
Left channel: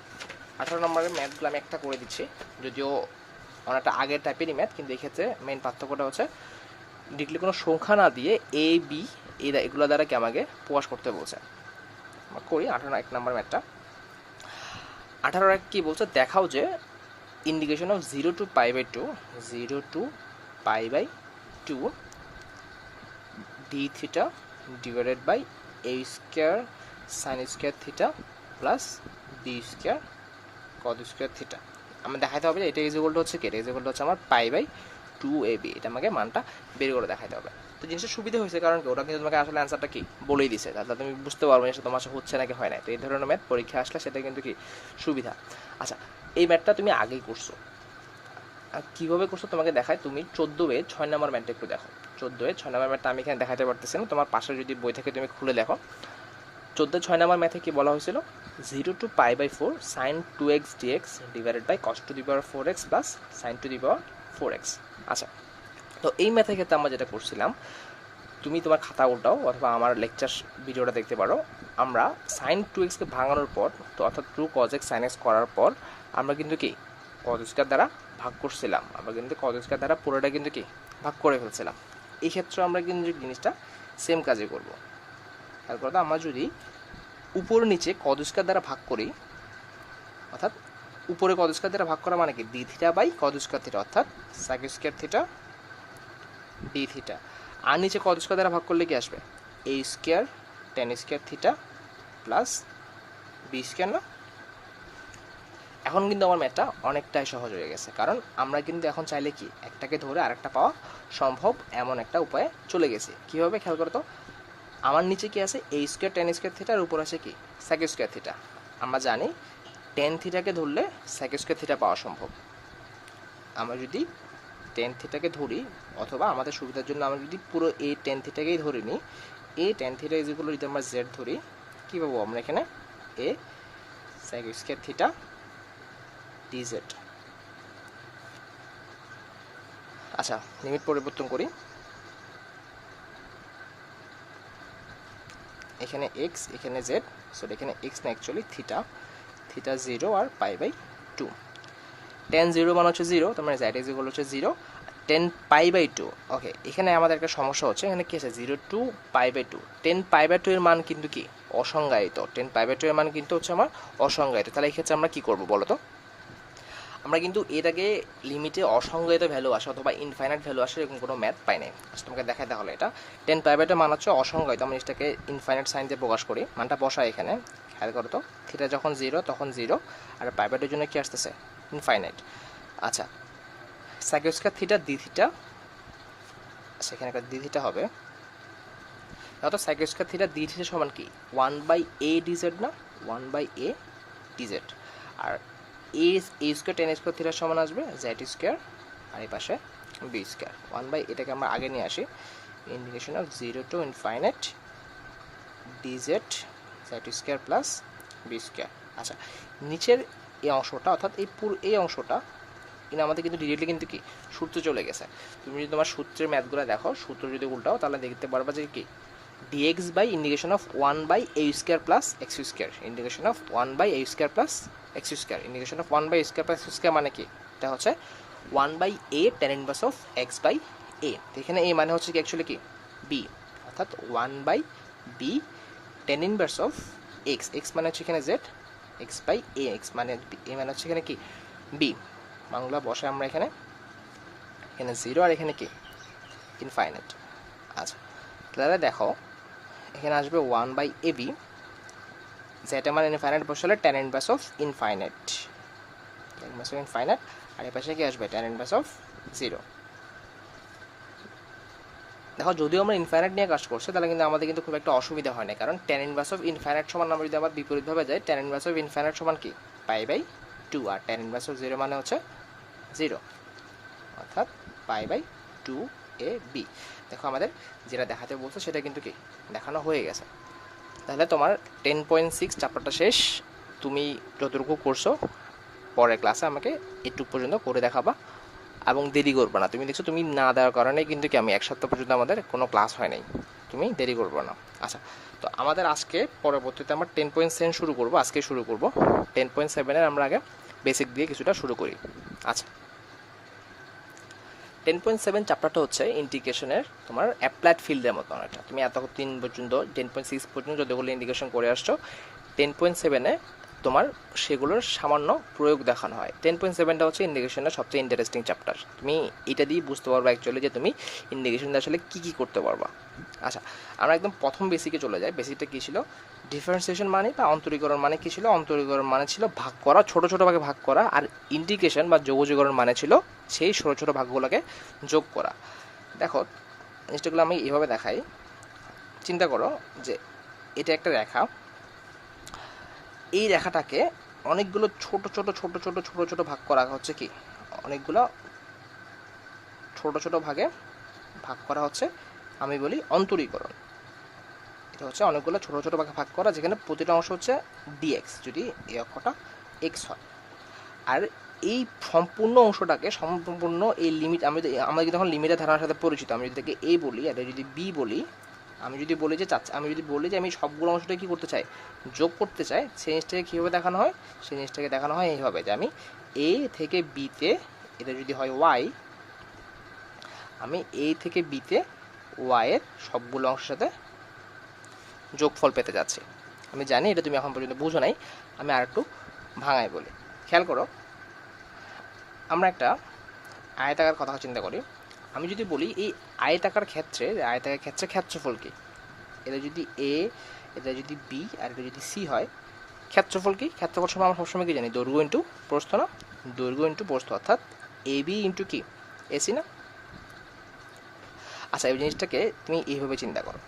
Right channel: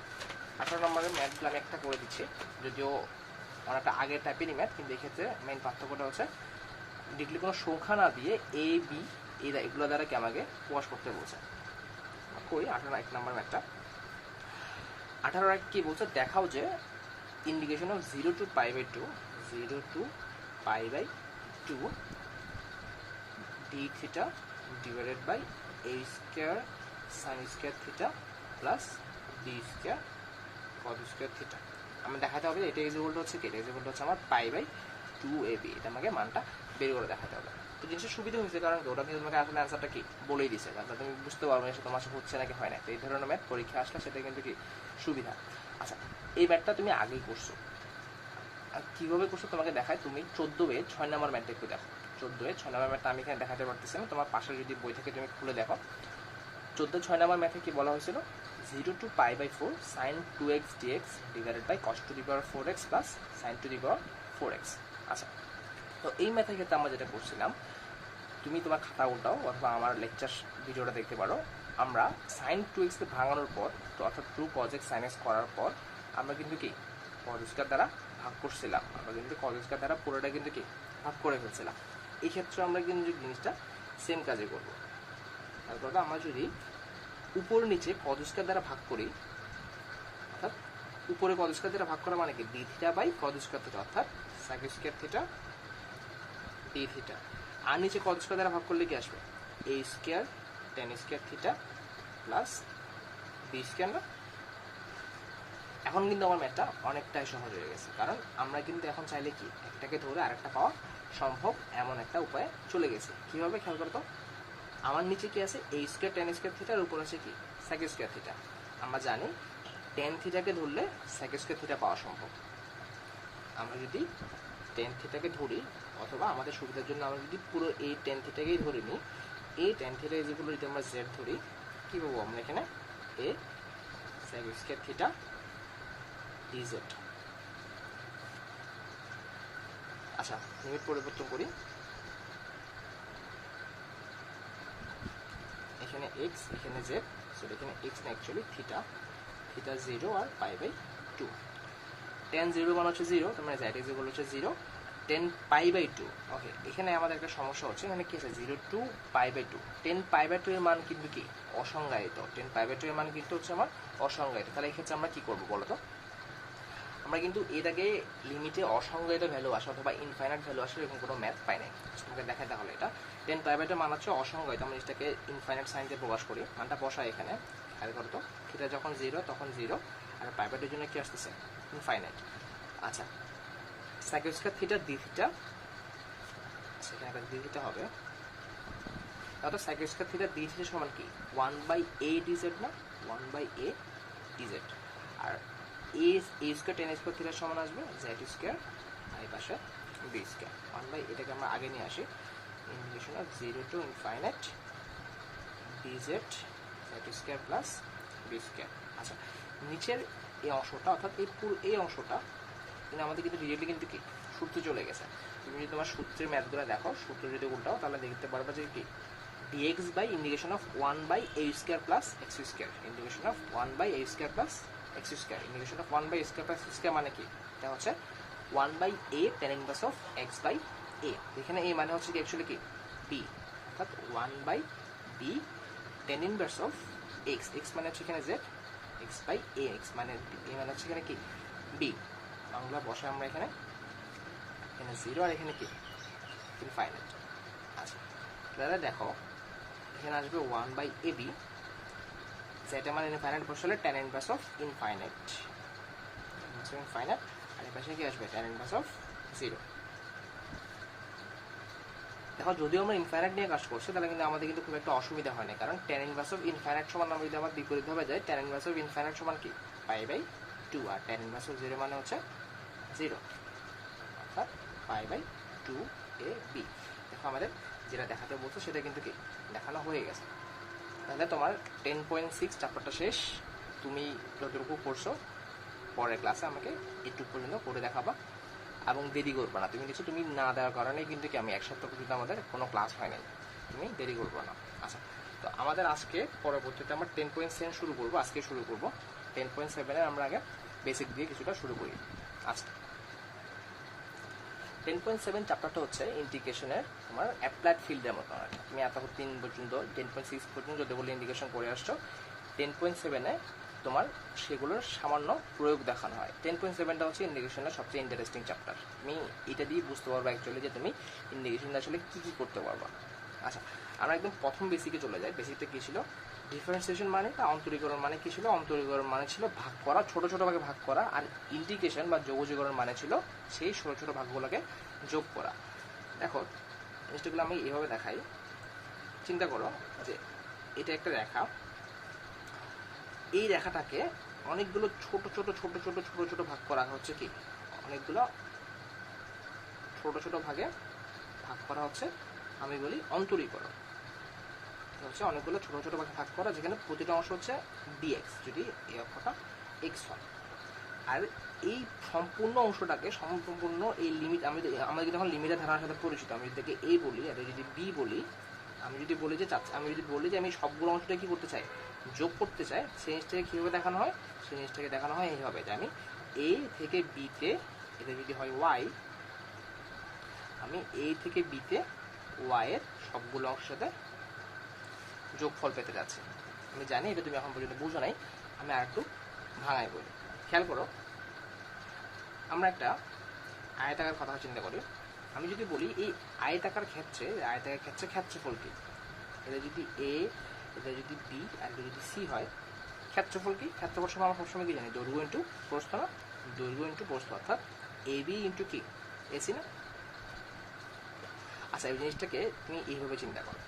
18 নম্বরের ম্যাথগুলো আমি একটা করে দিচ্ছি, যদিও অনেকটা আগের টাইপেরই ম্যাথ, কিন্তু এক্ষেত্রে মেইন পার্থক্যটা হচ্ছে ডিরেক্টলি কোনো সংখ্যা না দিয়ে এ বি এগুলো দ্বারা কি আমাকে প্রকাশ করতে বলছে। করি 18 নম্বর ম্যাথটা। 18 কি বলছে, দেখাও যে indication of 0 to π/2 0 to π/2 d theta divided by a square sin square theta plus b square cos square theta. আমি দেখাতে হবে যে এটা ইজ ইকুয়াল টু হচ্ছে কি, এটা ইজ ইকুয়াল টু হচ্ছে আমার π/2ab। এটা আমাকে মানটা বের করে দেখাতে হবে। তো জিনিসটা সুবিধা হয়েছে কারণ ওটা কিন্তু তোমাকে আসলে অ্যান্সারটা কি বলেই দিছে, তাহলে তুমি বুঝতে পারবে যে তোমার হচ্ছে নাকি হয় না। তো এই ধরনের ম্যাথ পরীক্ষা আসলে সেটা কিন্তু কি সুবিধা। আচ্ছা এই ম্যাথটা তুমি আগেই করছো, কীভাবে করছো তোমাকে দেখায়। তুমি 14 6 নম্বর ম্যাথটা একটু দেখো। 14 6 নম্বর ম্যাথটা আমি এখানে দেখাতে পারতেছি না, তোমার পাশে যদি বই থেকে তুমি খুলে দেখো। 14 6 নম্বর ম্যাথে কি বলা হয়েছিল, 0 to π/4 sin 2x dx divided by cos to the power 4x plus sin to the power 4x। আচ্ছা তো এই ম্যাথের ক্ষেত্রে আমরা যেটা করছিলাম, তুমি তোমার খাতা উল্টাও অথবা আমার লেকচার ভিডিওটা দেখতে পারো। আমরা sin 2xকে ভাঙানোর পর, তো অর্থাৎ 2 cos x sin x করার পর আমরা কিন্তু কি cos স্কয়ার দ্বারা ভাগ করছিলাম। আমরা কিন্তু cos স্কয়ার দ্বারা পুরোটা কিন্তু কি ভাগ করে ফেলছিলাম। এই ক্ষেত্রে আমরা কিন্তু জিনিসটা সেম কাজে করব। তারপর আমরা যদি উপর নিচে cos স্কয়ার দ্বারা ভাগ করি, অর্থাৎ উপরে cos স্কয়ার দ্বারা ভাগ করা মানে কি d theta by cos square theta অর্থাৎ sec square theta d theta, আর নিচে cos স্কয়ার দ্বারা ভাগ করলে কি আসবে a square tan square theta plus b square না। এখন কিন্তু আমার ম্যাথটা অনেকটাই সহজ হয়ে গেছে, কারণ আমরা কিন্তু এখন চাইলে কি একটাকে ধরে আরেকটা পাওয়া সম্ভব এমন একটা উপায়ে চলে গেছি। কীভাবে খেয়াল করো তো, আমার নিচে কি আছে a square tan square theta, আর উপর আছে কি sec স্কয়ার থিটা। আমরা জানি tan থিটাকে ধরলে sec স্কয়ার থিটা পাওয়া সম্ভব। আমরা যদি tan থিটাকে ধরি, অথবা আমাদের সুবিধার জন্য আমরা যদি পুরো এই tan থিটাকেই ধরে নিই, এই tan থিটা ইজ ইকুয়াল যদি আমরা z ধরি, কী পাবো আমরা এখানে a sec square theta dz। আচ্ছা, লিমিট পরিবর্তন করি, এখানে এক্স এখানে জেড, সো এখানে এক্স না অ্যাকচুয়ালি থিটা, থিটা 0 আর π/2, tan 0 মানে হচ্ছে 0, তার মানে z ইজ ইকুয়াল হচ্ছে 0, 10 π/2। ওকে, এখানে আমাদের একটা সমস্যা হচ্ছে, এখানে কি আছে 0 টু π/2, 10 π/2 এর মান কিন্তু কি অসংজ্ঞায়িত, 10 π/2 এর মান কিন্তু হচ্ছে আমার অসংজ্ঞায়িত। তাহলে এই ক্ষেত্রে আমরা কি করব বলো তো? আমরা কিন্তু এটাকে লিমিটে অসংজ্ঞায়িত ভ্যালু আসে অথবা ইনফাইনাইট ভ্যালু আসে এরকম কোনো ম্যাথ পাই নাই। তোমাকে দেখাতে হলে এটা 10 π/2 মান হচ্ছে অসংজ্ঞায়িত, আমরা এটাকে ইনফাইনাইট সাইন দিয়ে প্রকাশ করি, মানটা বসাই এখানে, খেয়াল করো তো, থিটা যখন 0 তখন 0, আর π/2 এর জন্য কি আসতেছে ইনফাইনাইট। আচ্ছা, sec square theta d theta, সেখানে একটা d থিটা হবে, অত sec square theta d theta সমান কি 1/a dz না, 1/a dz, আর a স্কয়ার tan স্কয়ার থিটার সমান আসবে z স্কয়ার, আর এই পাশে b স্কয়ার, 1/a, এটাকে আমরা আগে নিয়ে আসি, integration of 0 two infinite dz z square plus b square. আচ্ছা, নিচের এই অংশটা অর্থাৎ এই পুরো এই অংশটা কিন্তু আমাদের কিন্তু ডিরেক্টলি কিন্তু কি সূত্রে চলে গেছে। তুমি যদি তোমার সূত্রের ম্যাথগুলো দেখো, সূত্র যদি উল্টাও তাহলে দেখতে পারবা যে কি dx বাই integration of 1/a square plus x square, integration of 1/a square plus x square, integration of 1/a square plus x square মানে কি, এটা হচ্ছে 1/a tan inverse of x by a। এখানে a মানে হচ্ছে কি অ্যাকচুয়ালি কি b, অর্থাৎ 1/b tan inverse of x, x মানে হচ্ছে এখানে z, x by a, x মানে a মানে হচ্ছে এখানে কি b, বাংলা বসে আমরা এখানে 0 আর এখানে কি ইনফাইনাইট। আচ্ছা, তাহলে দেখো এখানে আসবে 1/ab, যেটা মানে ইনফাইনাইট বসালে tan inverse of infinite, infinite, আর এই পাশে কি আসবে tan ইনভার্স অফ 0। দেখো যদিও আমরা ইনফাইনাইট নিয়ে কাজ করছি তাহলে কিন্তু আমাদের কিন্তু খুব একটা অসুবিধা হয় না, কারণ tan ইনভার্স অফ ইনফাইনাইট সমান আমরা যদি আবার বিপরীতভাবে যাই, tan ইনভার্স অফ ইনফাইনাইট সমান কি π/2, আর tan ইনভার্স অফ 0 মানে হচ্ছে 0, অর্থাৎ π/2ab। দেখো আমাদের যেটা দেখাতে বলছো সেটা কিন্তু কি দেখানো হয়ে গেছে। তাহলে তোমার 10.6 চ্যাপ্টারটা শেষ, তুমি যতটুকু করছো পরের ক্লাসে আমাকে একটু পর্যন্ত করে দেখাবা এবং দেরি করবে না। তুমি দেখছো তুমি না দেওয়ার কারণে কিন্তু কি আমি এক সপ্তাহ পর্যন্ত আমাদের কোনো ক্লাস হয় নাই, তুমি দেরি করবে না। আচ্ছা, তো আমাদের আজকে পরবর্তীতে আমরা 10.7 শুরু করবো, আজকে শুরু করবো 10.7-এর আমরা আগে বেসিক দিয়ে কিছুটা শুরু করি। আচ্ছা, 10.7 চ্যাপ্টারটা হচ্ছে ইন্টিগ্রেশনের তোমার অ্যাপ্লাইড ফিল্ডের মতো, এটা তুমি এতদিন পর্যন্ত 10.6 পর্যন্ত যতগুলো ইন্টিগ্রেশন করে আসছো, 10.7-এ তোমার সেগুলোর সামান্য প্রয়োগ দেখানো হয়। 10.7টা হচ্ছে ইন্টিগ্রেশনের সবচেয়ে ইন্টারেস্টিং চ্যাপ্টার, তুমি এটা দিয়ে বুঝতে পারবা অ্যাকচুয়ালি যে তুমি ইন্টিগ্রেশন আসলে কী কী করতে পারবা। আচ্ছা, আমরা একদম প্রথম বেসিকে চলে যাই। বেসিকটা কী ছিল? ডিফারেন্সিয়েশন মানে বা অন্তরীকরণ মানে কী ছিল? অন্তরীকরণ মানে ছিল ভাগ করা, ছোটো ছোটো ভাগে ভাগ করা, আর ইন্টিগ্রেশন বা যোগযোগকরণ মানে ছিল সেই ছোটো ছোটো ভাগগুলোকে যোগ করা। দেখো জিনিসটাগুলো আমি এইভাবে দেখাই, চিন্তা করো যে এটা একটা রেখা, এই রেখাটাকে অনেকগুলো ছোট ছোট ছোট ছোট ছোট ছোট ভাগ করা হচ্ছে, কি অনেকগুলো ছোট ছোট ভাগে ভাগ করা হচ্ছে, আমি বলি অন্তরীকরণ। এটা হচ্ছে অনেকগুলো ছোট ছোট ভাগে ভাগ করা, যেখানে প্রতিটা অংশ হচ্ছে dx, যদি এই অক্ষটা x হয়। আর এই সম্পূর্ণ অংশটাকে সম্পূর্ণ এই লিমিট, আমরা যদি এখন লিমিটের ধারণার সাথে পরিচিত, আমি যদি তাকে a বলি আর যদি b বলি, আমি যদি বলি যে আমি সবগুলো অংশটা কী করতে চাই, যোগ করতে চাই, সেই জিনিসটাকে কীভাবে দেখানো হয়? সেই জিনিসটাকে দেখানো হয় এইভাবে, যে আমি a থেকে b তে, এটা যদি হয় y, আমি a থেকে b তে y এর সবগুলো অংশের সাথে যোগফল পেতে যাচ্ছি। আমি জানি এটা তুমি এখন পর্যন্ত বুঝো নাই, আমি আর একটু ভাঙাই বলি। খেয়াল করো, আমরা একটা আয়তাকার কথা চিন্তা করি। আমি যদি বলি এই আয়তাকার ক্ষেত্রে ক্ষেত্রফল কি, এটা যদি a, এটা যদি b, আর এটা যদি c হয়, ক্ষেত্রফল কি? ক্ষেত্রফল সময় আমরা সবসময় কি জানি? দৈর্ঘ্য ইন্টু প্রস্থ না? দৈর্ঘ্য ইন্টু প্রস্থ, অর্থাৎ ab ইন্টু কি ac না? আচ্ছা, এই জিনিসটাকে তুমি এইভাবে চিন্তা করো,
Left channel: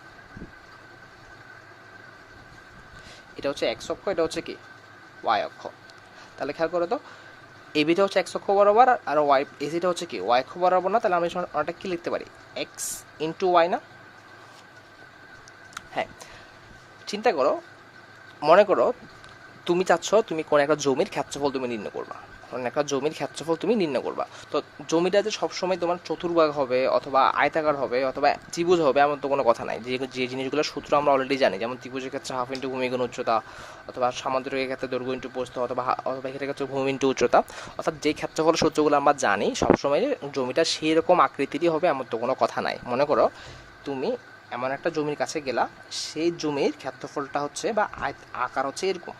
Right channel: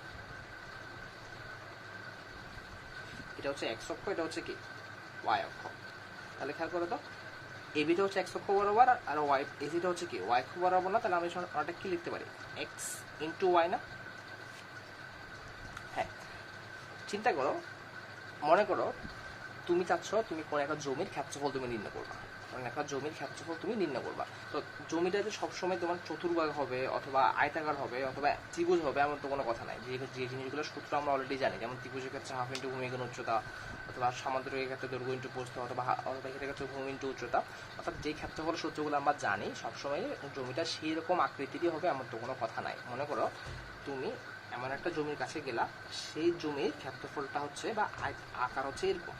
এটা হচ্ছে x অক্ষ, এটা হচ্ছে কি y অক্ষ। তাহলে খেয়াল করো তো, এবিটা হচ্ছে x অক্ষ বরাবর, আর y এসিটা হচ্ছে কি y অক্ষ বরাবর না? তাহলে আমি ওটা কি লিখতে পারি? x ইন্টু y না? হ্যাঁ, চিন্তা করো, মনে করো তুমি চাচ্ছ তুমি কোনো একটা জমির ক্ষেত্রফল তুমি নির্ণয় করবা। মানে একটা জমির ক্ষেত্রফল তুমি নির্ণয় করবা। তো জমিটা যে সবসময় তোমার চতুর্ভাগ হবে অথবা আয়তাকার হবে অথবা ত্রিভুজ হবে এমন তো কোনো কথা নাই। যে যে জিনিসগুলোর সূত্র আমরা অলরেডি জানি, যেমন ত্রিভুজের ক্ষেত্রে হাফ ইন্টু ভূমি গুণ উচ্চতা, অথবা সামান্তরিকের ক্ষেত্রে দৈর্ঘ্য ইন্টু প্রস্থ, অথবা এটার ক্ষেত্রে ভূমি ইন্টু উচ্চতা, অর্থাৎ যে ক্ষেত্রফল সূত্রগুলো আমরা জানি সবসময় জমিটা সেই রকম আকৃতিরই হবে এমন তো কোনো কথা নাই। মনে করো তুমি এমন একটা জমির কাছে গেলা, সেই জমির ক্ষেত্রফলটা হচ্ছে বা আকার হচ্ছে এরকম,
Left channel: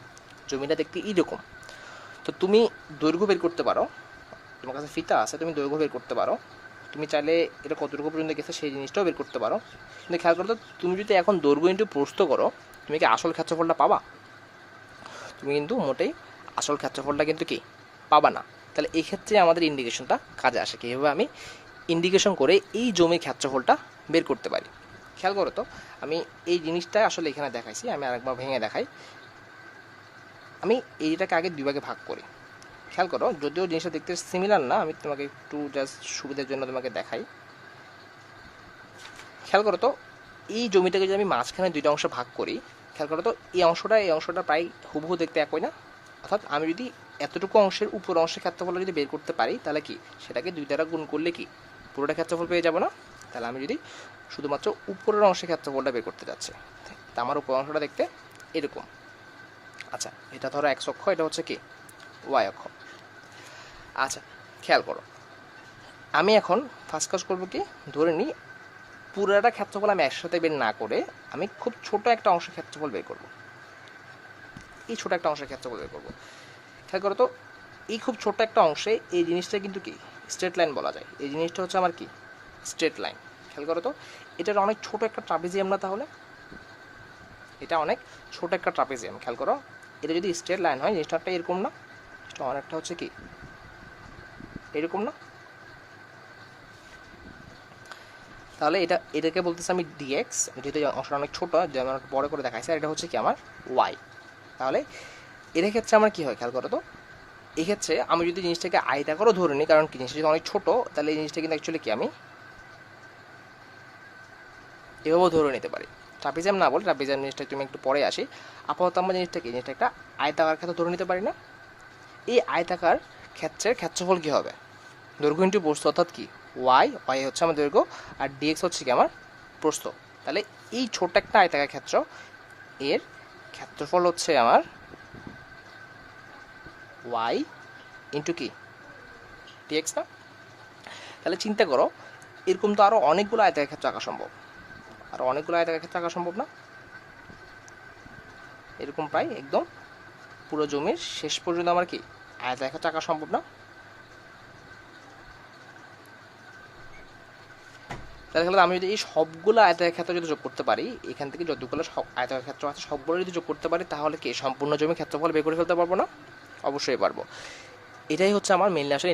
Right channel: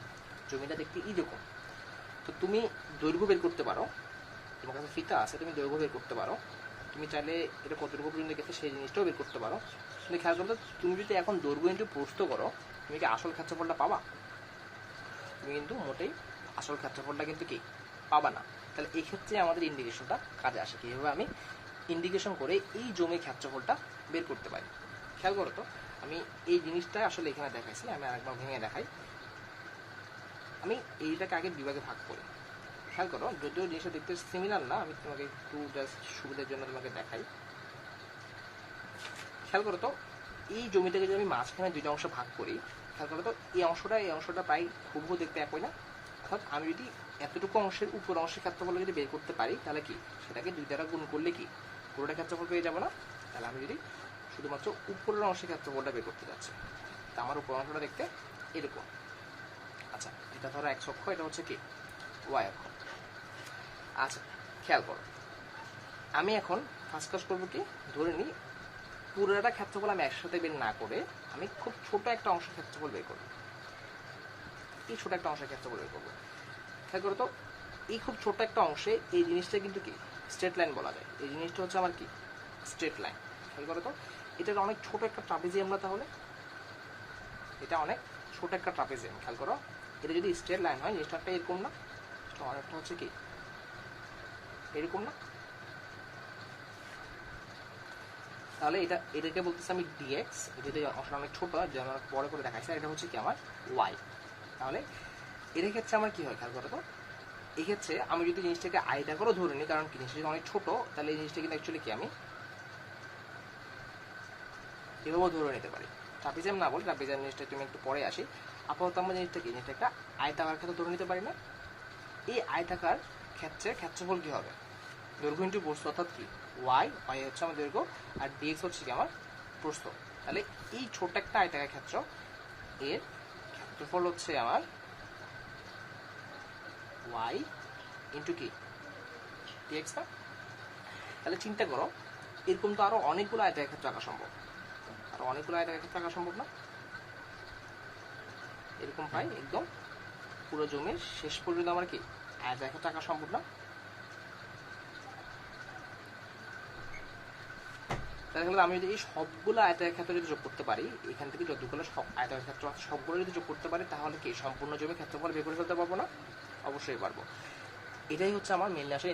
জমিটা দেখতে এইরকম। তো তুমি দৈর্ঘ্য বের করতে পারো, তোমার কাছে ফিতা আছে, তুমি দৈর্ঘ্য বের করতে পারো, তুমি চাইলে এটা কতটুকু পর্যন্ত গেছে সেই জিনিসটাও বের করতে পারো। কিন্তু খেয়াল করো তো, তুমি যদি এখন দৈর্ঘ্য ইন্টু প্রস্থ করো, তুমি কি আসল ক্ষেত্রফলটা পাবা? তুমি কিন্তু মোটেই আসল ক্ষেত্রফলটা কিন্তু কি পাবা না। তাহলে এই ক্ষেত্রে আমাদের ইন্ডিকেশনটা কাজে আসে। কীভাবে আমি ইন্ডিকেশন করে এই জমির ক্ষেত্রফলটা বের করতে পারি। খেয়াল করো তো, আমি এই জিনিসটা আসলে এখানে দেখাইছি, আমি আরেকবার ভেঙে দেখাই। আমি এইটাকে আগে দুই ভাগে ভাগ করি। খেয়াল করো, যদিও জিনিসটা দেখতে সিমিলার না, আমি তোমাকে একটু জাস্ট সুবিধার জন্য তোমাকে দেখাই। খেয়াল করো তো, এই জমিটাকে যদি আমি মাঝখানে দুইটা অংশে ভাগ করি, খেয়াল করো তো এই অংশটা প্রায় হুবহু দেখতে একই না? অর্থাৎ আমি যদি এতটুকু অংশের উপর অংশের ক্ষেত্রফল যদি বের করতে পারি, তাহলে কি সেটাকে দুই দ্বারা গুণ করলে কি পুরোটা ক্ষেত্রফল পেয়ে যাবো না? তাহলে আমি যদি শুধুমাত্র উপরের অংশের ক্ষেত্রফলটা বের করতে যাচ্ছি, তা আমার উপর অংশটা দেখতে এরকম। আচ্ছা, এটা ধরো এক্স অক্ষ, এটা হচ্ছে কি ওয়াই অক্ষ। আচ্ছা, খেয়াল করো, আমি এখন ফার্স্ট কাজ করবো কি, ধরে নিই পুরোটা ক্ষেত্রফল আমি একসাথে বের না করে আমি খুব ছোট একটা অংশের ক্ষেত্রফল বের করবো। এই ছোট একটা অংশের ক্ষেত্রফল বের করবো। খেয়াল করো তো, এই খুব ছোট একটা অংশে এই জিনিসটা কিন্তু কি স্ট্রেট লাইন বলা যায়। এই জিনিসটা হচ্ছে আমার কি স্ট্রেট লাইন। খেয়াল করো তো, এটার অনেক ছোট একটা ট্রাপিজিয়াম না? তাহলে এটা অনেক ছোট একটা ট্রাপিজিয়াম। খেয়াল করো, এটা যদি স্ট্রেট লাইন হয় জিনিসটা এরকম না? এটা অনেকটা হচ্ছে কি এরকম না? তাহলে এটাকে বলতেছে আমি ডিএক্স, যেহেতু অংশটা অনেক ছোটো, যেমন বড় করে দেখাইছে, আর এটা হচ্ছে কি আমার ওয়াই। তাহলে এর ক্ষেত্রে আমার কী হয় খেয়াল করো তো, এক্ষেত্রে আমি যদি জিনিসটাকে আয়তাকারও ধরে নিই, কারণ কি জিনিসটা যদি অনেক ছোটো, তাহলে এই জিনিসটা কিন্তু অ্যাকচুয়ালি কি আমি এভাবেও ধরে নিতে পারি। ট্রাপিজিয়াম না বলে, ট্রাপিজিয়াম জিনিসটা তুমি একটু পরে আসি। আপাতত আমরা জিনিসটা একটা আয়তাকার ক্ষেত্রে ধরে নিতে পারি না? এই আয়তাকার ক্ষেত্রের ক্ষেত্রফল কী হবে? দৈর্ঘ্য ইন্টু প্রস্থ, অর্থাৎ কি ওয়াই হচ্ছে আমার দৈর্ঘ্য, আর ডিএক্স হচ্ছে কি আমার প্রস্থ। তাহলে এই ছোট একটা আয়তাকার ক্ষেত্র, এর ক্ষেত্রফল হচ্ছে আমার ওয়াই ইন্টু কি ডিএক্স না? তাহলে চিন্তা করো, এরকম তো আরও অনেকগুলো আয়তাকার ক্ষেত্র আঁকা সম্ভব। আরও অনেকগুলো আয়তাকার ক্ষেত্র আঁকা সম্ভব না? এরকম প্রায় একদম পুরো জমির শেষ পর্যন্ত আমার কি আয়তাকার ক্ষেত্র আঁকা সম্ভব না? তাহলে আমি যদি এই সবগুলো আয়তাকার ক্ষেত্র যদি যোগ করতে পারি, এখান থেকে যতগুলো আয়তাকার ক্ষেত্র আছে সবগুলো যদি যোগ করতে পারি, তাহলে কি সম্পূর্ণ জমি ক্ষেত্রফল বের করে ফেলতে পারবো না? অবশ্যই পারবো। এটাই হচ্ছে আমার মেনলি আসলে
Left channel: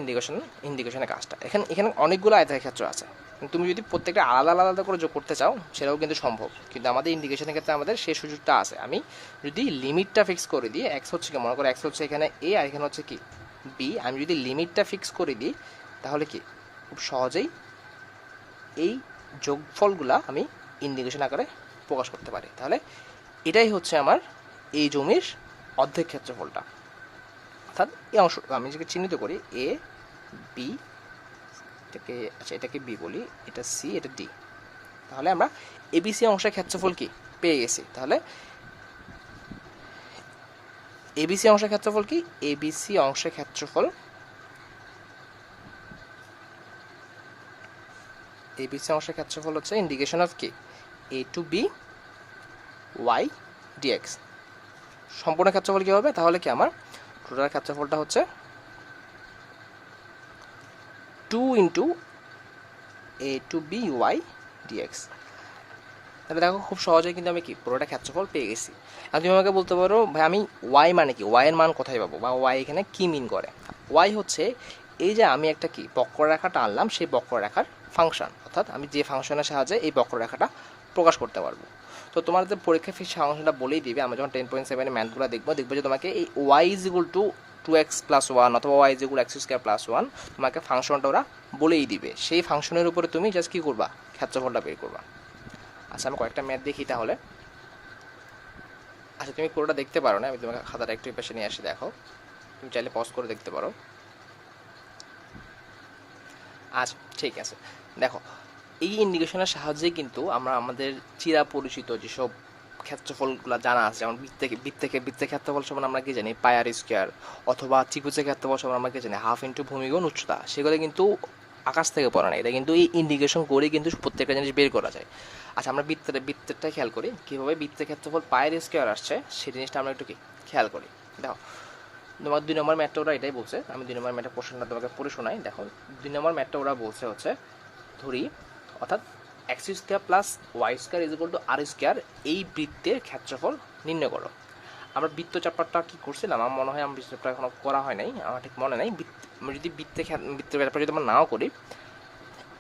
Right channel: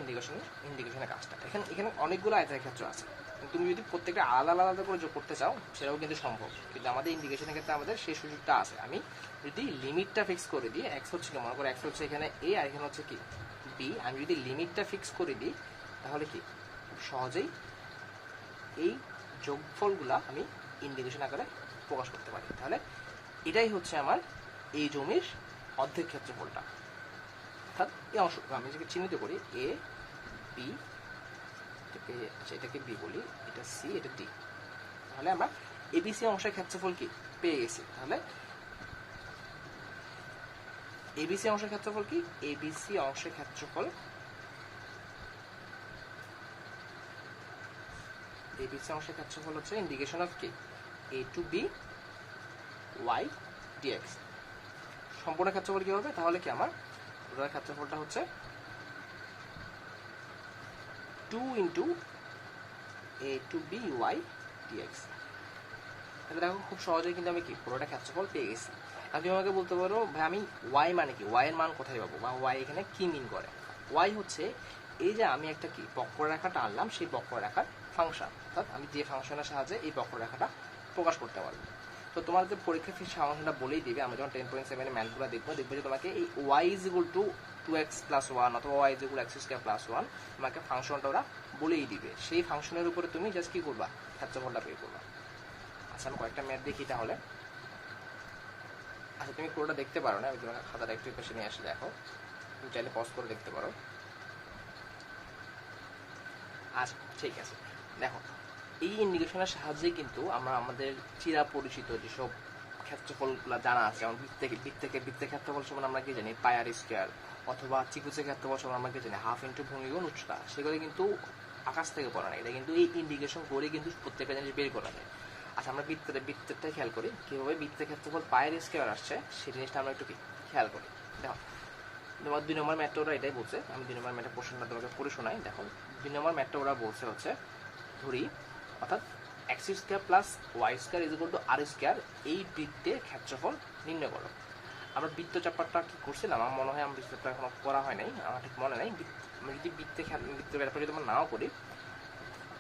ইন্ডিকেশনের কাজটা। এখানে অনেকগুলো আয়তাকার ক্ষেত্র আছে, তুমি যদি প্রত্যেকটা আলাদা আলাদা করে যোগ করতে চাও সেটাও কিন্তু সম্ভব, কিন্তু আমাদের ইন্ডিকেশনের ক্ষেত্রে আমাদের সেই সুযোগটা আছে। আমি যদি লিমিটটা ফিক্স করে দিই, এক্স হচ্ছে কি, মনে করো এক্স হচ্ছে এখানে এ আর এখানে হচ্ছে কি বি, আমি যদি লিমিটটা ফিক্স করে দিই, তাহলে কি খুব সহজেই এই যোগফলগুলা আমি ইন্ডিকেশন আকারে প্রকাশ করতে পারি। তাহলে এটাই হচ্ছে আমার এই জমির অর্ধেক ক্ষেত্রফলটা। অর্থাৎ এই অংশ আমি যেটাকে চিহ্নিত করি এ বি, এটাকে আচ্ছা এটাকে বি বলি, এটা সি, এটা ডি। তাহলে আমরা এবিসি অংশের ক্ষেত্রফল কি পেয়ে গেছি। তাহলে এবিসি অংশের ক্ষেত্রফল কি, এবিসি অংশের ক্ষেত্রফল, এবিসি অংশের ক্ষেত্রফল হচ্ছে ইন্ডিকেশন অফ কি এ টু বি ওয়াই ডিএক্স। সম্পূর্ণ ক্ষেত্রফল কী হবে? তাহলে কি আমার টোটাল ক্ষেত্রফলটা হচ্ছে 2 ইন্টু এ টু বি ওয়াই ডিএক্স। তাহলে দেখো খুব সহজেই কিন্তু আমি কি পুরোটা ক্ষেত্রফল পেয়ে গেছি। আর তুমি আমাকে বলতে পারো ভাই আমি ওয়াই মানে কি, ওয়াইয়ের মান কোথায় পাবো, বা ওয়াই এখানে কী মিন করে? ওয়াই হচ্ছে এই যে আমি একটা কি বক্ররেখাটা আনলাম, সেই বক্ররেখার ফাংশন, অর্থাৎ আমি যে ফাংশনের সাহায্যে এই বক্ররেখাটা প্রকাশ করতে পারবো। তো তোমাদের পরীক্ষা ফি ফাংশনটা বলেই দিবে। আমরা যখন 10.7 ম্যাথগুলো দেখবো যে তোমাকে এই Y is equal to 2x plus 1 অথবা Y is equal x² plus 1, তোমাকে ফাংশনটা ওরা বলেই দিবে। সেই ফাংশনের উপরে তুমি জাস্ট কী করবা, ক্ষেত্রফলটা বের করবা। আচ্ছা, আমি কয়েকটা ম্যাথ দেখি তাহলে। আচ্ছা, তুমি পুরোটা দেখতে পারো না, আমি তোমাকে খাতাটা একটু পাশে নিয়ে এসে দেখো, তুমি চাইলে পজ করে দেখতে পারো। আচ্ছা, ঠিক আছে। দেখো, এই ইন্ডিকেশনের সাহায্যেই কিন্তু আমরা আমাদের চিরাপরিচিত যেসব ক্ষেত্রফলগুলো জানা আছে, যেমন বৃত্তের ক্ষেত্রফল সমান আমরা কি জানি পাই আর স্কোয়ার, অথবা ত্রিভুজের ক্ষেত্রফল সমান আমরা কি জানি হাফ ইন্টু ভূমিগুণ উচ্চতা, সেগুলো কিন্তু আকাশ থেকে পড়ে না, এটা কিন্তু এই ইন্ডিকেশন করেই কিন্তু প্রত্যেকটা জিনিস বের করা যায়। আচ্ছা, আমরা বৃত্তেরটা খেয়াল করি কীভাবে বৃত্তের ক্ষেত্রফল পায়ের স্কোয়ার আসছে, সেই জিনিসটা আমরা একটু কি খেয়াল করি। দেখো, তোমার 2 নম্বর ম্যাথটা ওরা এটাই বলছে, আমি 2 নম্বর ম্যাথের কোশ্চেনটা তোমাকে পড়ে শোনাই। দেখো, 2 নম্বর ম্যাথটা ওরা বলছে হচ্ছে, ধরি অর্থাৎ X square plus Y square is equal to R square, এই বৃত্তের ক্ষেত্রফল নির্ণয় করো। আমরা বৃত্ত চ্যাপ্টারটা কি করছিলাম, আমার মনে হয় আমার বৃত্ত চ্যাপ্টার এখনো করা হয় নাই, আমার ঠিক মনে নাই। আমি যদি বৃত্তের চ্যাপ্টার যদি আমরা নাও করি,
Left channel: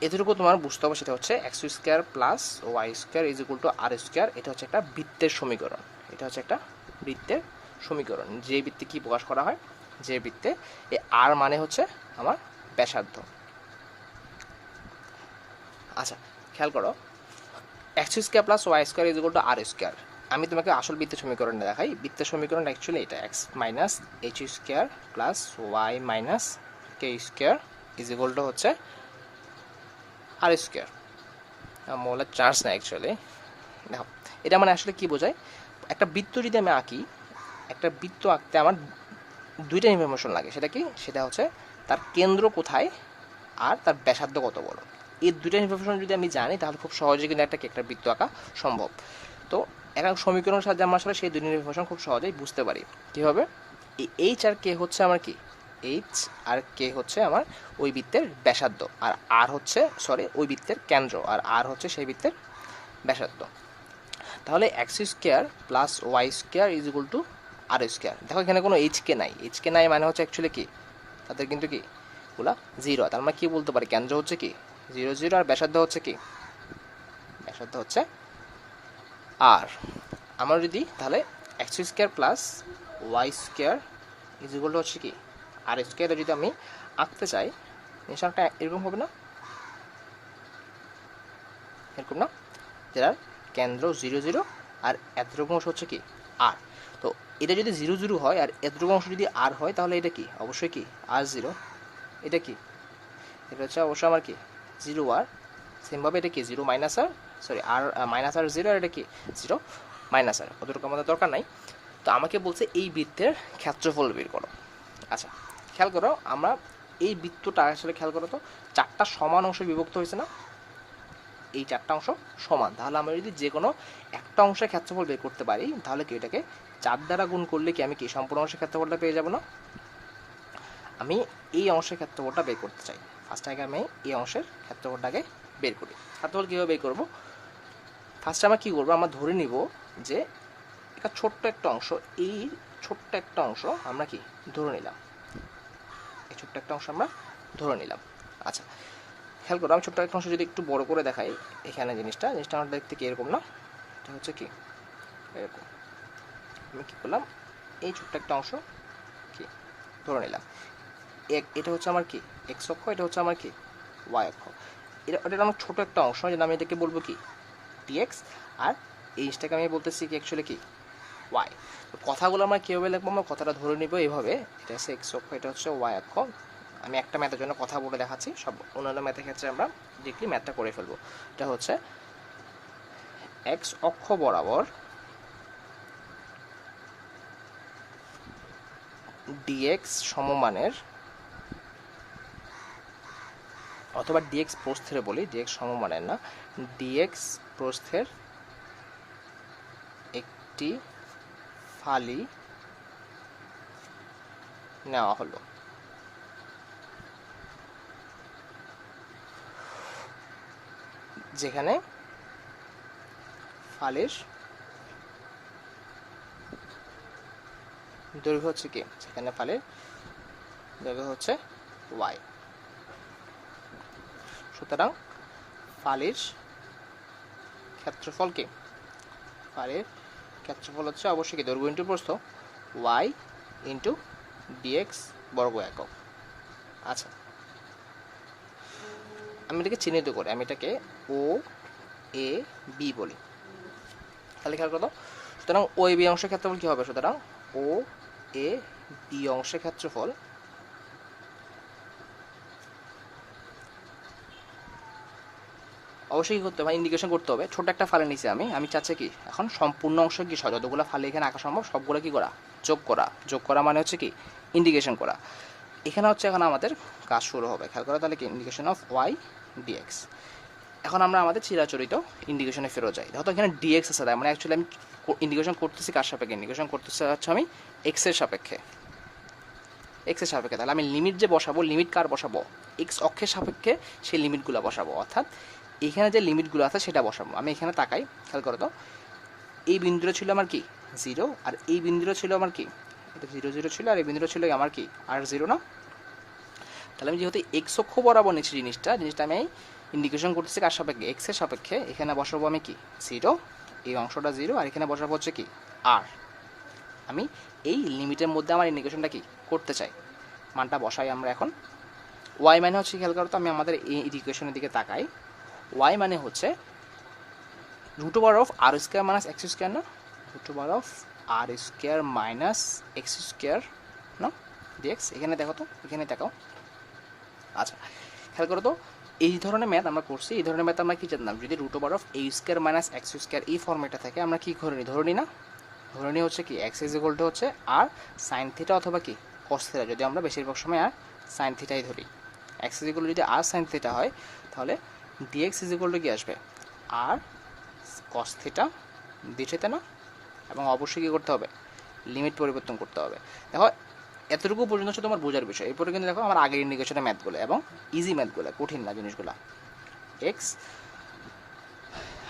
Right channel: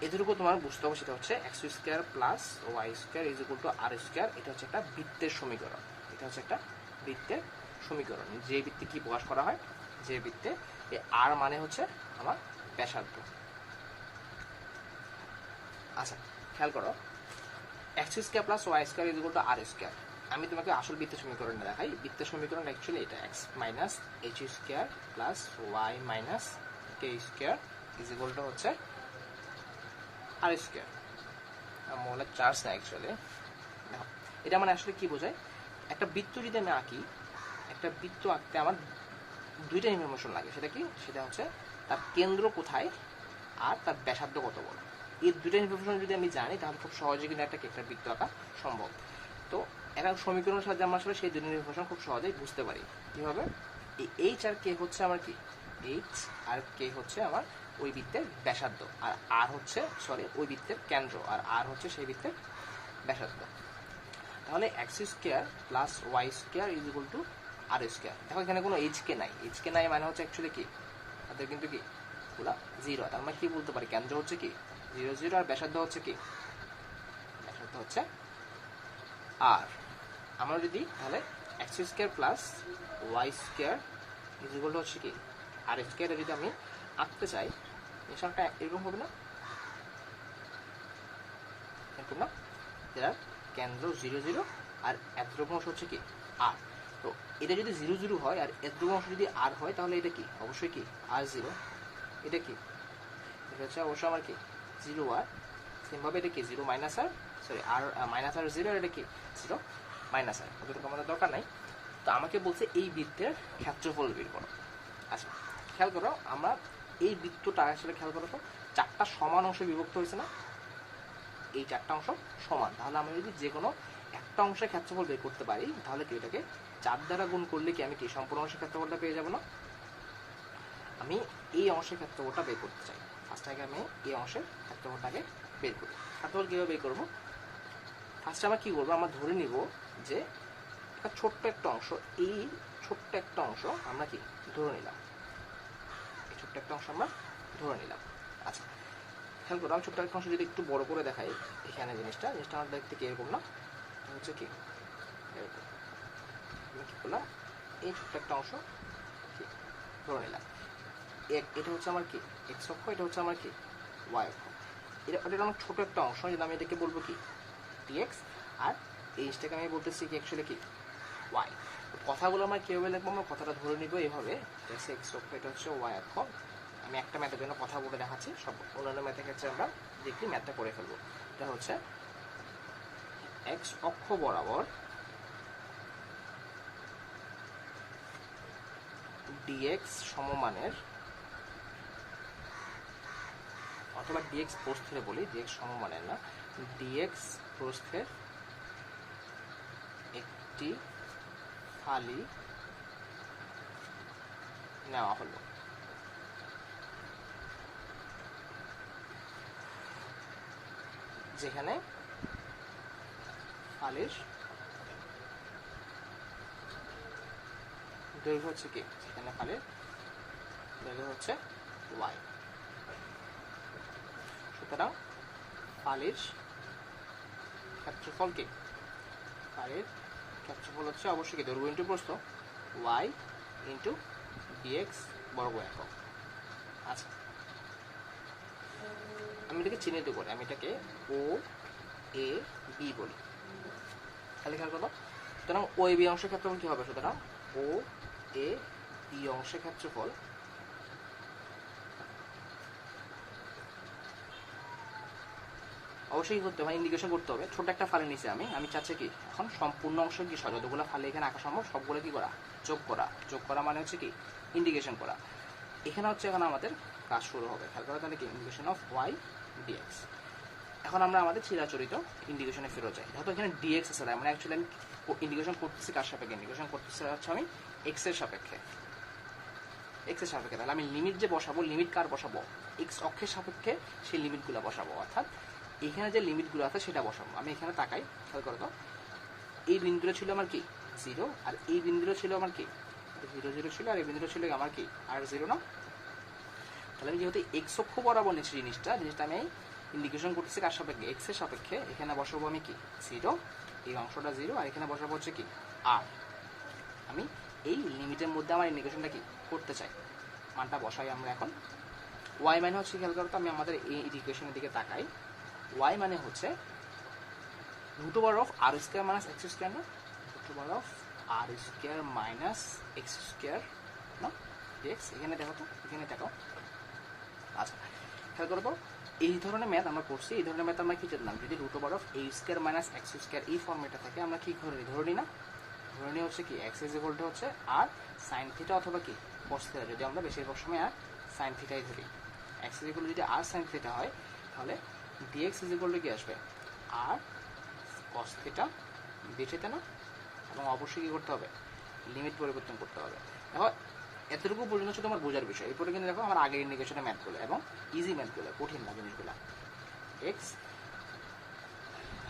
এতটুকু তোমার বুঝতে হবে, সেটা হচ্ছে X square plus Y square is equal to R square, এটা হচ্ছে একটা বৃত্তের সমীকরণ। এটা হচ্ছে একটা বৃত্তের সমীকরণ, যে বৃত্তে কি প্রকাশ করা হয়, যে বৃত্তে এই আর মানে হচ্ছে আমার ব্যাসার্ধ। আচ্ছা, খেয়াল করো, X square plus Y square is equal to R square. আমি তোমাকে আসল বৃত্তের সমীকরণটা দেখাই। বৃত্তের সমীকরণ অ্যাকচুয়ালি এটা X minus H square plus Y minus K square is equal to হচ্ছে আর স্কোয়ার। মোলার চার্জ না অ্যাকচুয়ালি। দেখো, এটা মানে আসলে কি বোঝায়, একটা বৃত্ত যদি আমি আঁকি, একটা বৃত্ত আঁকতে আমার দুইটা ইনফরমেশন লাগে। সেটা কি, সেটা হচ্ছে তার কেন্দ্র কোথায় আর তার ব্যাসার্ধ কত বড়। এই দুইটা ইনফরমেশন যদি আমি জানি, তাহলে খুব সহজে কিন্তু একটা বৃত্ত আঁকা সম্ভব। তো এখন সমীকরণের সাহায্যে আমরা আসলে সেই দুইটা ইনফরমেশন খুব সহজেই বুঝতে পারি। কীভাবে, এই এইচ আর কে হচ্ছে আমার কি, এইচ আর কে হচ্ছে আমার ওই বৃত্তের ব্যাসার্ধ, আর আর হচ্ছে ওই বৃত্তের কেন্দ্র, আর আর হচ্ছে সেই বৃত্তের ব্যাসার্ধ। তাহলে X square plus Y square is equal to R square. দেখো, এখানে কোনো এইচ কে নাই, এইচ কে নাই মানে হচ্ছে অ্যাকচুয়ালি কি, তাদের কিন্তু কি ওগুলা জিরো। তার মানে কি বলতে পারি, কেন্দ্র হচ্ছে কি 0 0, আর ব্যাসার্ধ হচ্ছে কি, ব্যাসার্ধ হচ্ছে আর। আমরা যদি তাহলে X square plus Y square is equal to হচ্ছে কি আর স্কোয়ারে যদি আমি আঁকতে চাই, নিশানটা এরকম হবে না, এরকম না, যেটার কেন্দ্র 0 0 আর এতটুকু অংশ হচ্ছে কি আর। তো এটা যদি 0 0 হয় আর এতটুকু অংশ যদি আর হয়, তাহলে এটা কি অবশ্যই কি আর 0। এটা কি, এটা হচ্ছে অবশ্যই আমার কি 0 আর। সেমভাবে এটা কি 0 মাইনাস আর, আর মাইনাস আর 0, আর এটা কি 0 মাইনাস আর, অতটুকু আমাদের দরকার নাই। তো আমাকে বলছে এই বৃত্তের ক্ষেত্রফল বের করো। আচ্ছা, খেয়াল করো, আমরা এই বৃত্তটা আসলে খেয়াল করো তো, 4টা সমান অংশে বিভক্ত হয়েছে না, এই 4টা অংশ সমান। তাহলে আমরা যদি যে কোনো একটা অংশের ক্ষেত্রফল বের করতে পারি, তাহলে কি এটাকে 4 দ্বারা গুণ করলে কি আমি কি সম্পূর্ণ অংশের ক্ষেত্রফলটা পেয়ে যাব না। আমি এই অংশের ক্ষেত্রফলটা বের করতে চাই, ফার্স্ট আগে আমি এই অংশের ক্ষেত্রফলটাকে বের করি। ক্ষেত্রফল কীভাবে বের করবো, ফার্স্টে আমরা কী করবো, আমরা ধরে নিব যে একটা ছোট্ট একটা অংশ, এই ছোট্ট একটা অংশ আমরা কি ধরে নিলাম, এই ছোট্ট একটা অংশ আমরা ধরে নিলাম। আচ্ছা, খেয়াল করো, আমি ছোট্ট একটা অংশ যদি একটু বড় করে দেখাই, এখানে জিনিসটা আমরা দেখতে কি এরকম না, এটা হচ্ছে কি এরকম। আমি কী করলাম, এই ছোট্ট একটা অংশ কি ধরে নিলাম, এটা হচ্ছে আমার কি এক্স অক্ষ, এটা হচ্ছে আমার কি ওয়াই অক্ষ। এটা আমার ছোটো একটা অংশ, যেটা আমি এটাকে বলবো কি ডিএক্স, আর এই জিনিসটাকে আমি বলতেছি কি অ্যাকচুয়ালি কি ওয়াই। কথাগুলো আমরা কীভাবে লিখবো, আমরা কথাটা ধরে নিব এইভাবে, এটা হচ্ছে এক্স অক্ষ, এটা হচ্ছে ওয়াই অক্ষ। আমি একটা ম্যাথের জন্য কথা বলে দেখাচ্ছি, সব অন্যান্য ম্যাথের ক্ষেত্রে আমরা ডিরেক্টলি ম্যাথটা করে ফেলবো। এটা হচ্ছে এক্স অক্ষ বরাবর ডিএক্স সমমানের, অথবা ডিএক্স প্রস্থের বলি, ডিএক্স সমমানের না, ডিএক্স প্রস্থের একটি ফালি নেওয়া হলো। যেখানে ফালির দৈর্ঘ্য হচ্ছে কি, যেখানে ফালির দৈর্ঘ্য হচ্ছে ওয়াই। সুতরাং ফালির ক্ষেত্রফল কি, ফালির ক্ষেত্রফল হচ্ছে অবশ্যই কি দৈর্ঘ্য ইন্টু প্রস্থ, ওয়াই ইন্টু ডিএক্স বর্গ একক। আচ্ছা, আমি এটাকে চিহ্নিত করি, আমি এটাকে ও এ বি বলি। তাহলে খেয়াল করো, সুতরাং ও এ বি অংশের ক্ষেত্রফল কী হবে, সুতরাং ও এ বি অংশের ক্ষেত্রফল অবশ্যই কী করতে হবে, ইন্ডিকেশন করতে হবে। ছোট একটা ফালে নিচে আমি চাচ্ছি কি এখন সম্পূর্ণ অংশ কি যতগুলো ফালে এখানে আঁকা সম্ভব সবগুলো কি করা, যোগ করা মানে হচ্ছে কি ইন্ডিকেশন করা। এখানে হচ্ছে এখন আমাদের কাজ শুরু হবে, খেয়াল করা তাহলে কি ইন্ডিকেশন অফ ওয়াই ডিএক্স। এখন আমরা আমাদের চিরাচরিত ইন্ডিকেশনে ফেরত যাই। দেখো তো এখানে ডিএক্স আছে, তার মানে অ্যাকচুয়ালি আমি ইন্ডিকেশন করতেছি কার সাপেক্ষে, ইন্ডিকেশন করতেছে হচ্ছে আমি এক্সের সাপেক্ষে, এক্সের সাপেক্ষে। তাহলে আমি লিমিট যে বসাবো, লিমিট কার বসাবো, এক্স অক্ষের সাপেক্ষে সেই লিমিটগুলো বসাবো, অর্থাৎ এখানে যে লিমিটগুলো আছে সেটা বসাবো। আমি এখানে তাকাই, খেয়াল করো তো এই বিন্দুটা ছিল আমার কি 0, আর এই বিন্দুটা ছিল আমার কি 0 0 ছিল, আর এই বিন্দুটা ছিল আমার কি আর 0 না। তাহলে আমি যেহেতু এক্স অক্ষ বরাবর নিচ্ছি জিনিসটা আমি ইন্ডিকেশন করতেছি কার সাপেক্ষে, এক্সের সাপেক্ষে। এখানে বসাবো আমি কি 0, এই অংশটা 0, আর এখানে বসাবো হচ্ছে কি আর। আমি এই লিমিটের মধ্যে আমার ইন্ডিকেশনটা কি করতে চাই, মানটা বসাই আমরা এখন। ওয়াই মানে হচ্ছে, খেয়াল করো তো আমি আমাদের এই ইকুয়েশনের দিকে তাকাই, ওয়াই মানে হচ্ছে √r of R square minus X square না, √r of R square minus X square না ডিএক্স। এখানে দেখো তো, এখানে দেখাও। আচ্ছা খেয়াল করো তো, এই ধরনের ম্যাথ আমরা করছি, এই ধরনের ম্যাথ আমরা কি জানলাম, যদি √r of A square minus X square এই ফর্মেটটা থাকে আমরা কি ধরে নিই না, ধরে নিই হচ্ছে কি এক্স ইজ ইকুয়াল টু হচ্ছে আর সাইন থিটা অথবা কি কস থিটা, যদি আমরা বেশিরভাগ সময় আর সাইন থিটাই ধরি। এক্স ইজ ইকুয়াল টু যদি আর সাইন থিটা হয় তাহলে ডিএক্স ইজ ইকুয়াল টু কি আসবে R cos theta D theta না। এবং অবশ্যই কী করতে হবে, লিমিট পরিবর্তন করতে হবে। দেখো এতটুকু পর্যন্ত হচ্ছে তোমার বোঝার বিষয়। এরপরে কিন্তু দেখো আমার আগের ইন্ডিকেশনের ম্যাথগুলো এবং ইজি ম্যাথগুলো, কঠিন না জিনিসগুলো। এক্স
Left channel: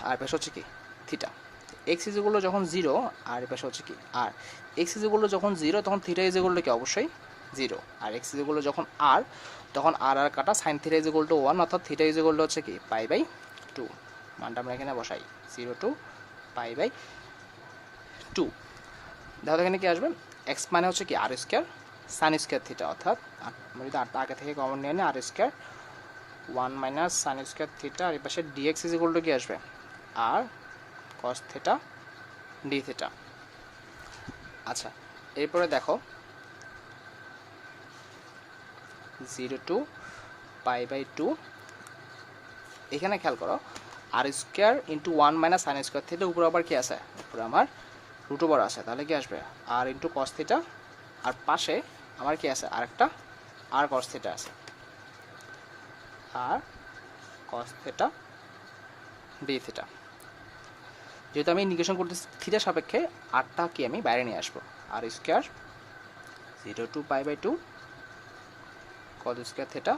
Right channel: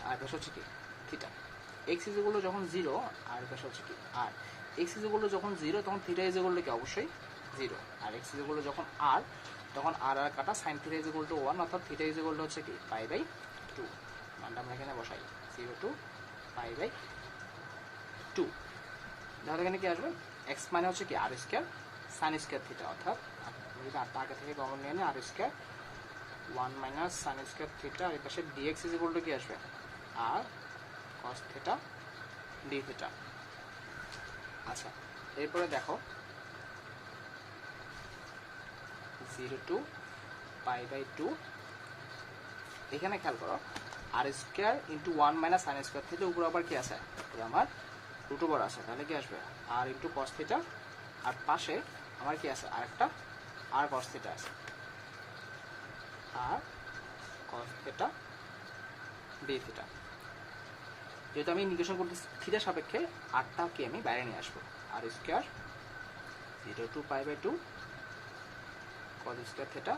আর পাশে হচ্ছে কি theta, x is equal two যখন 0 আর পাশে হচ্ছে কি আর। এক্স ইজ ইকুয়াল টু যখন 0 তখন থিটা ইজ ইকুয়াল টু কি অবশ্যই 0, আর এক্স ইজ ইকুয়াল টু যখন আর তখন আর কাটা sine theta is equal two 1, অর্থাৎ থিটা ইজ ইকুয়াল টু হচ্ছে কি π/2। মানটা আমরা এখানে বসাই 0 to π/2। দেখো এখানে কি আসবে, এক্স মানে হচ্ছে কি R square sine square theta, অর্থাৎ আমরা যদি আটটা আগে থেকে কমন নিয়ে নিই R square 1 minus sine square theta, আর এই পাশে ডিএক্স ইজ ইকুয়াল টু কি আসবে R cos theta D theta. আচ্ছা এরপরে দেখো 0 to π/2, এখানে খেয়াল করো R square into 1 minus sine square theta, উপরে আবার কি আছে, উপরে আমার √r আছে, তাহলে কি আসবে আর ইন্টু কস থিটা, আর পাশে আমার কি আছে আরেকটা আর কস থিটা আছে, আর কস থিটা ডি থিটা। যেহেতু আমি ইন্ডিকেশন করতে থিটার সাপেক্ষে আরটা কি আমি বাইরে নিয়ে আসবো, R square 0 to π/2 cos square theta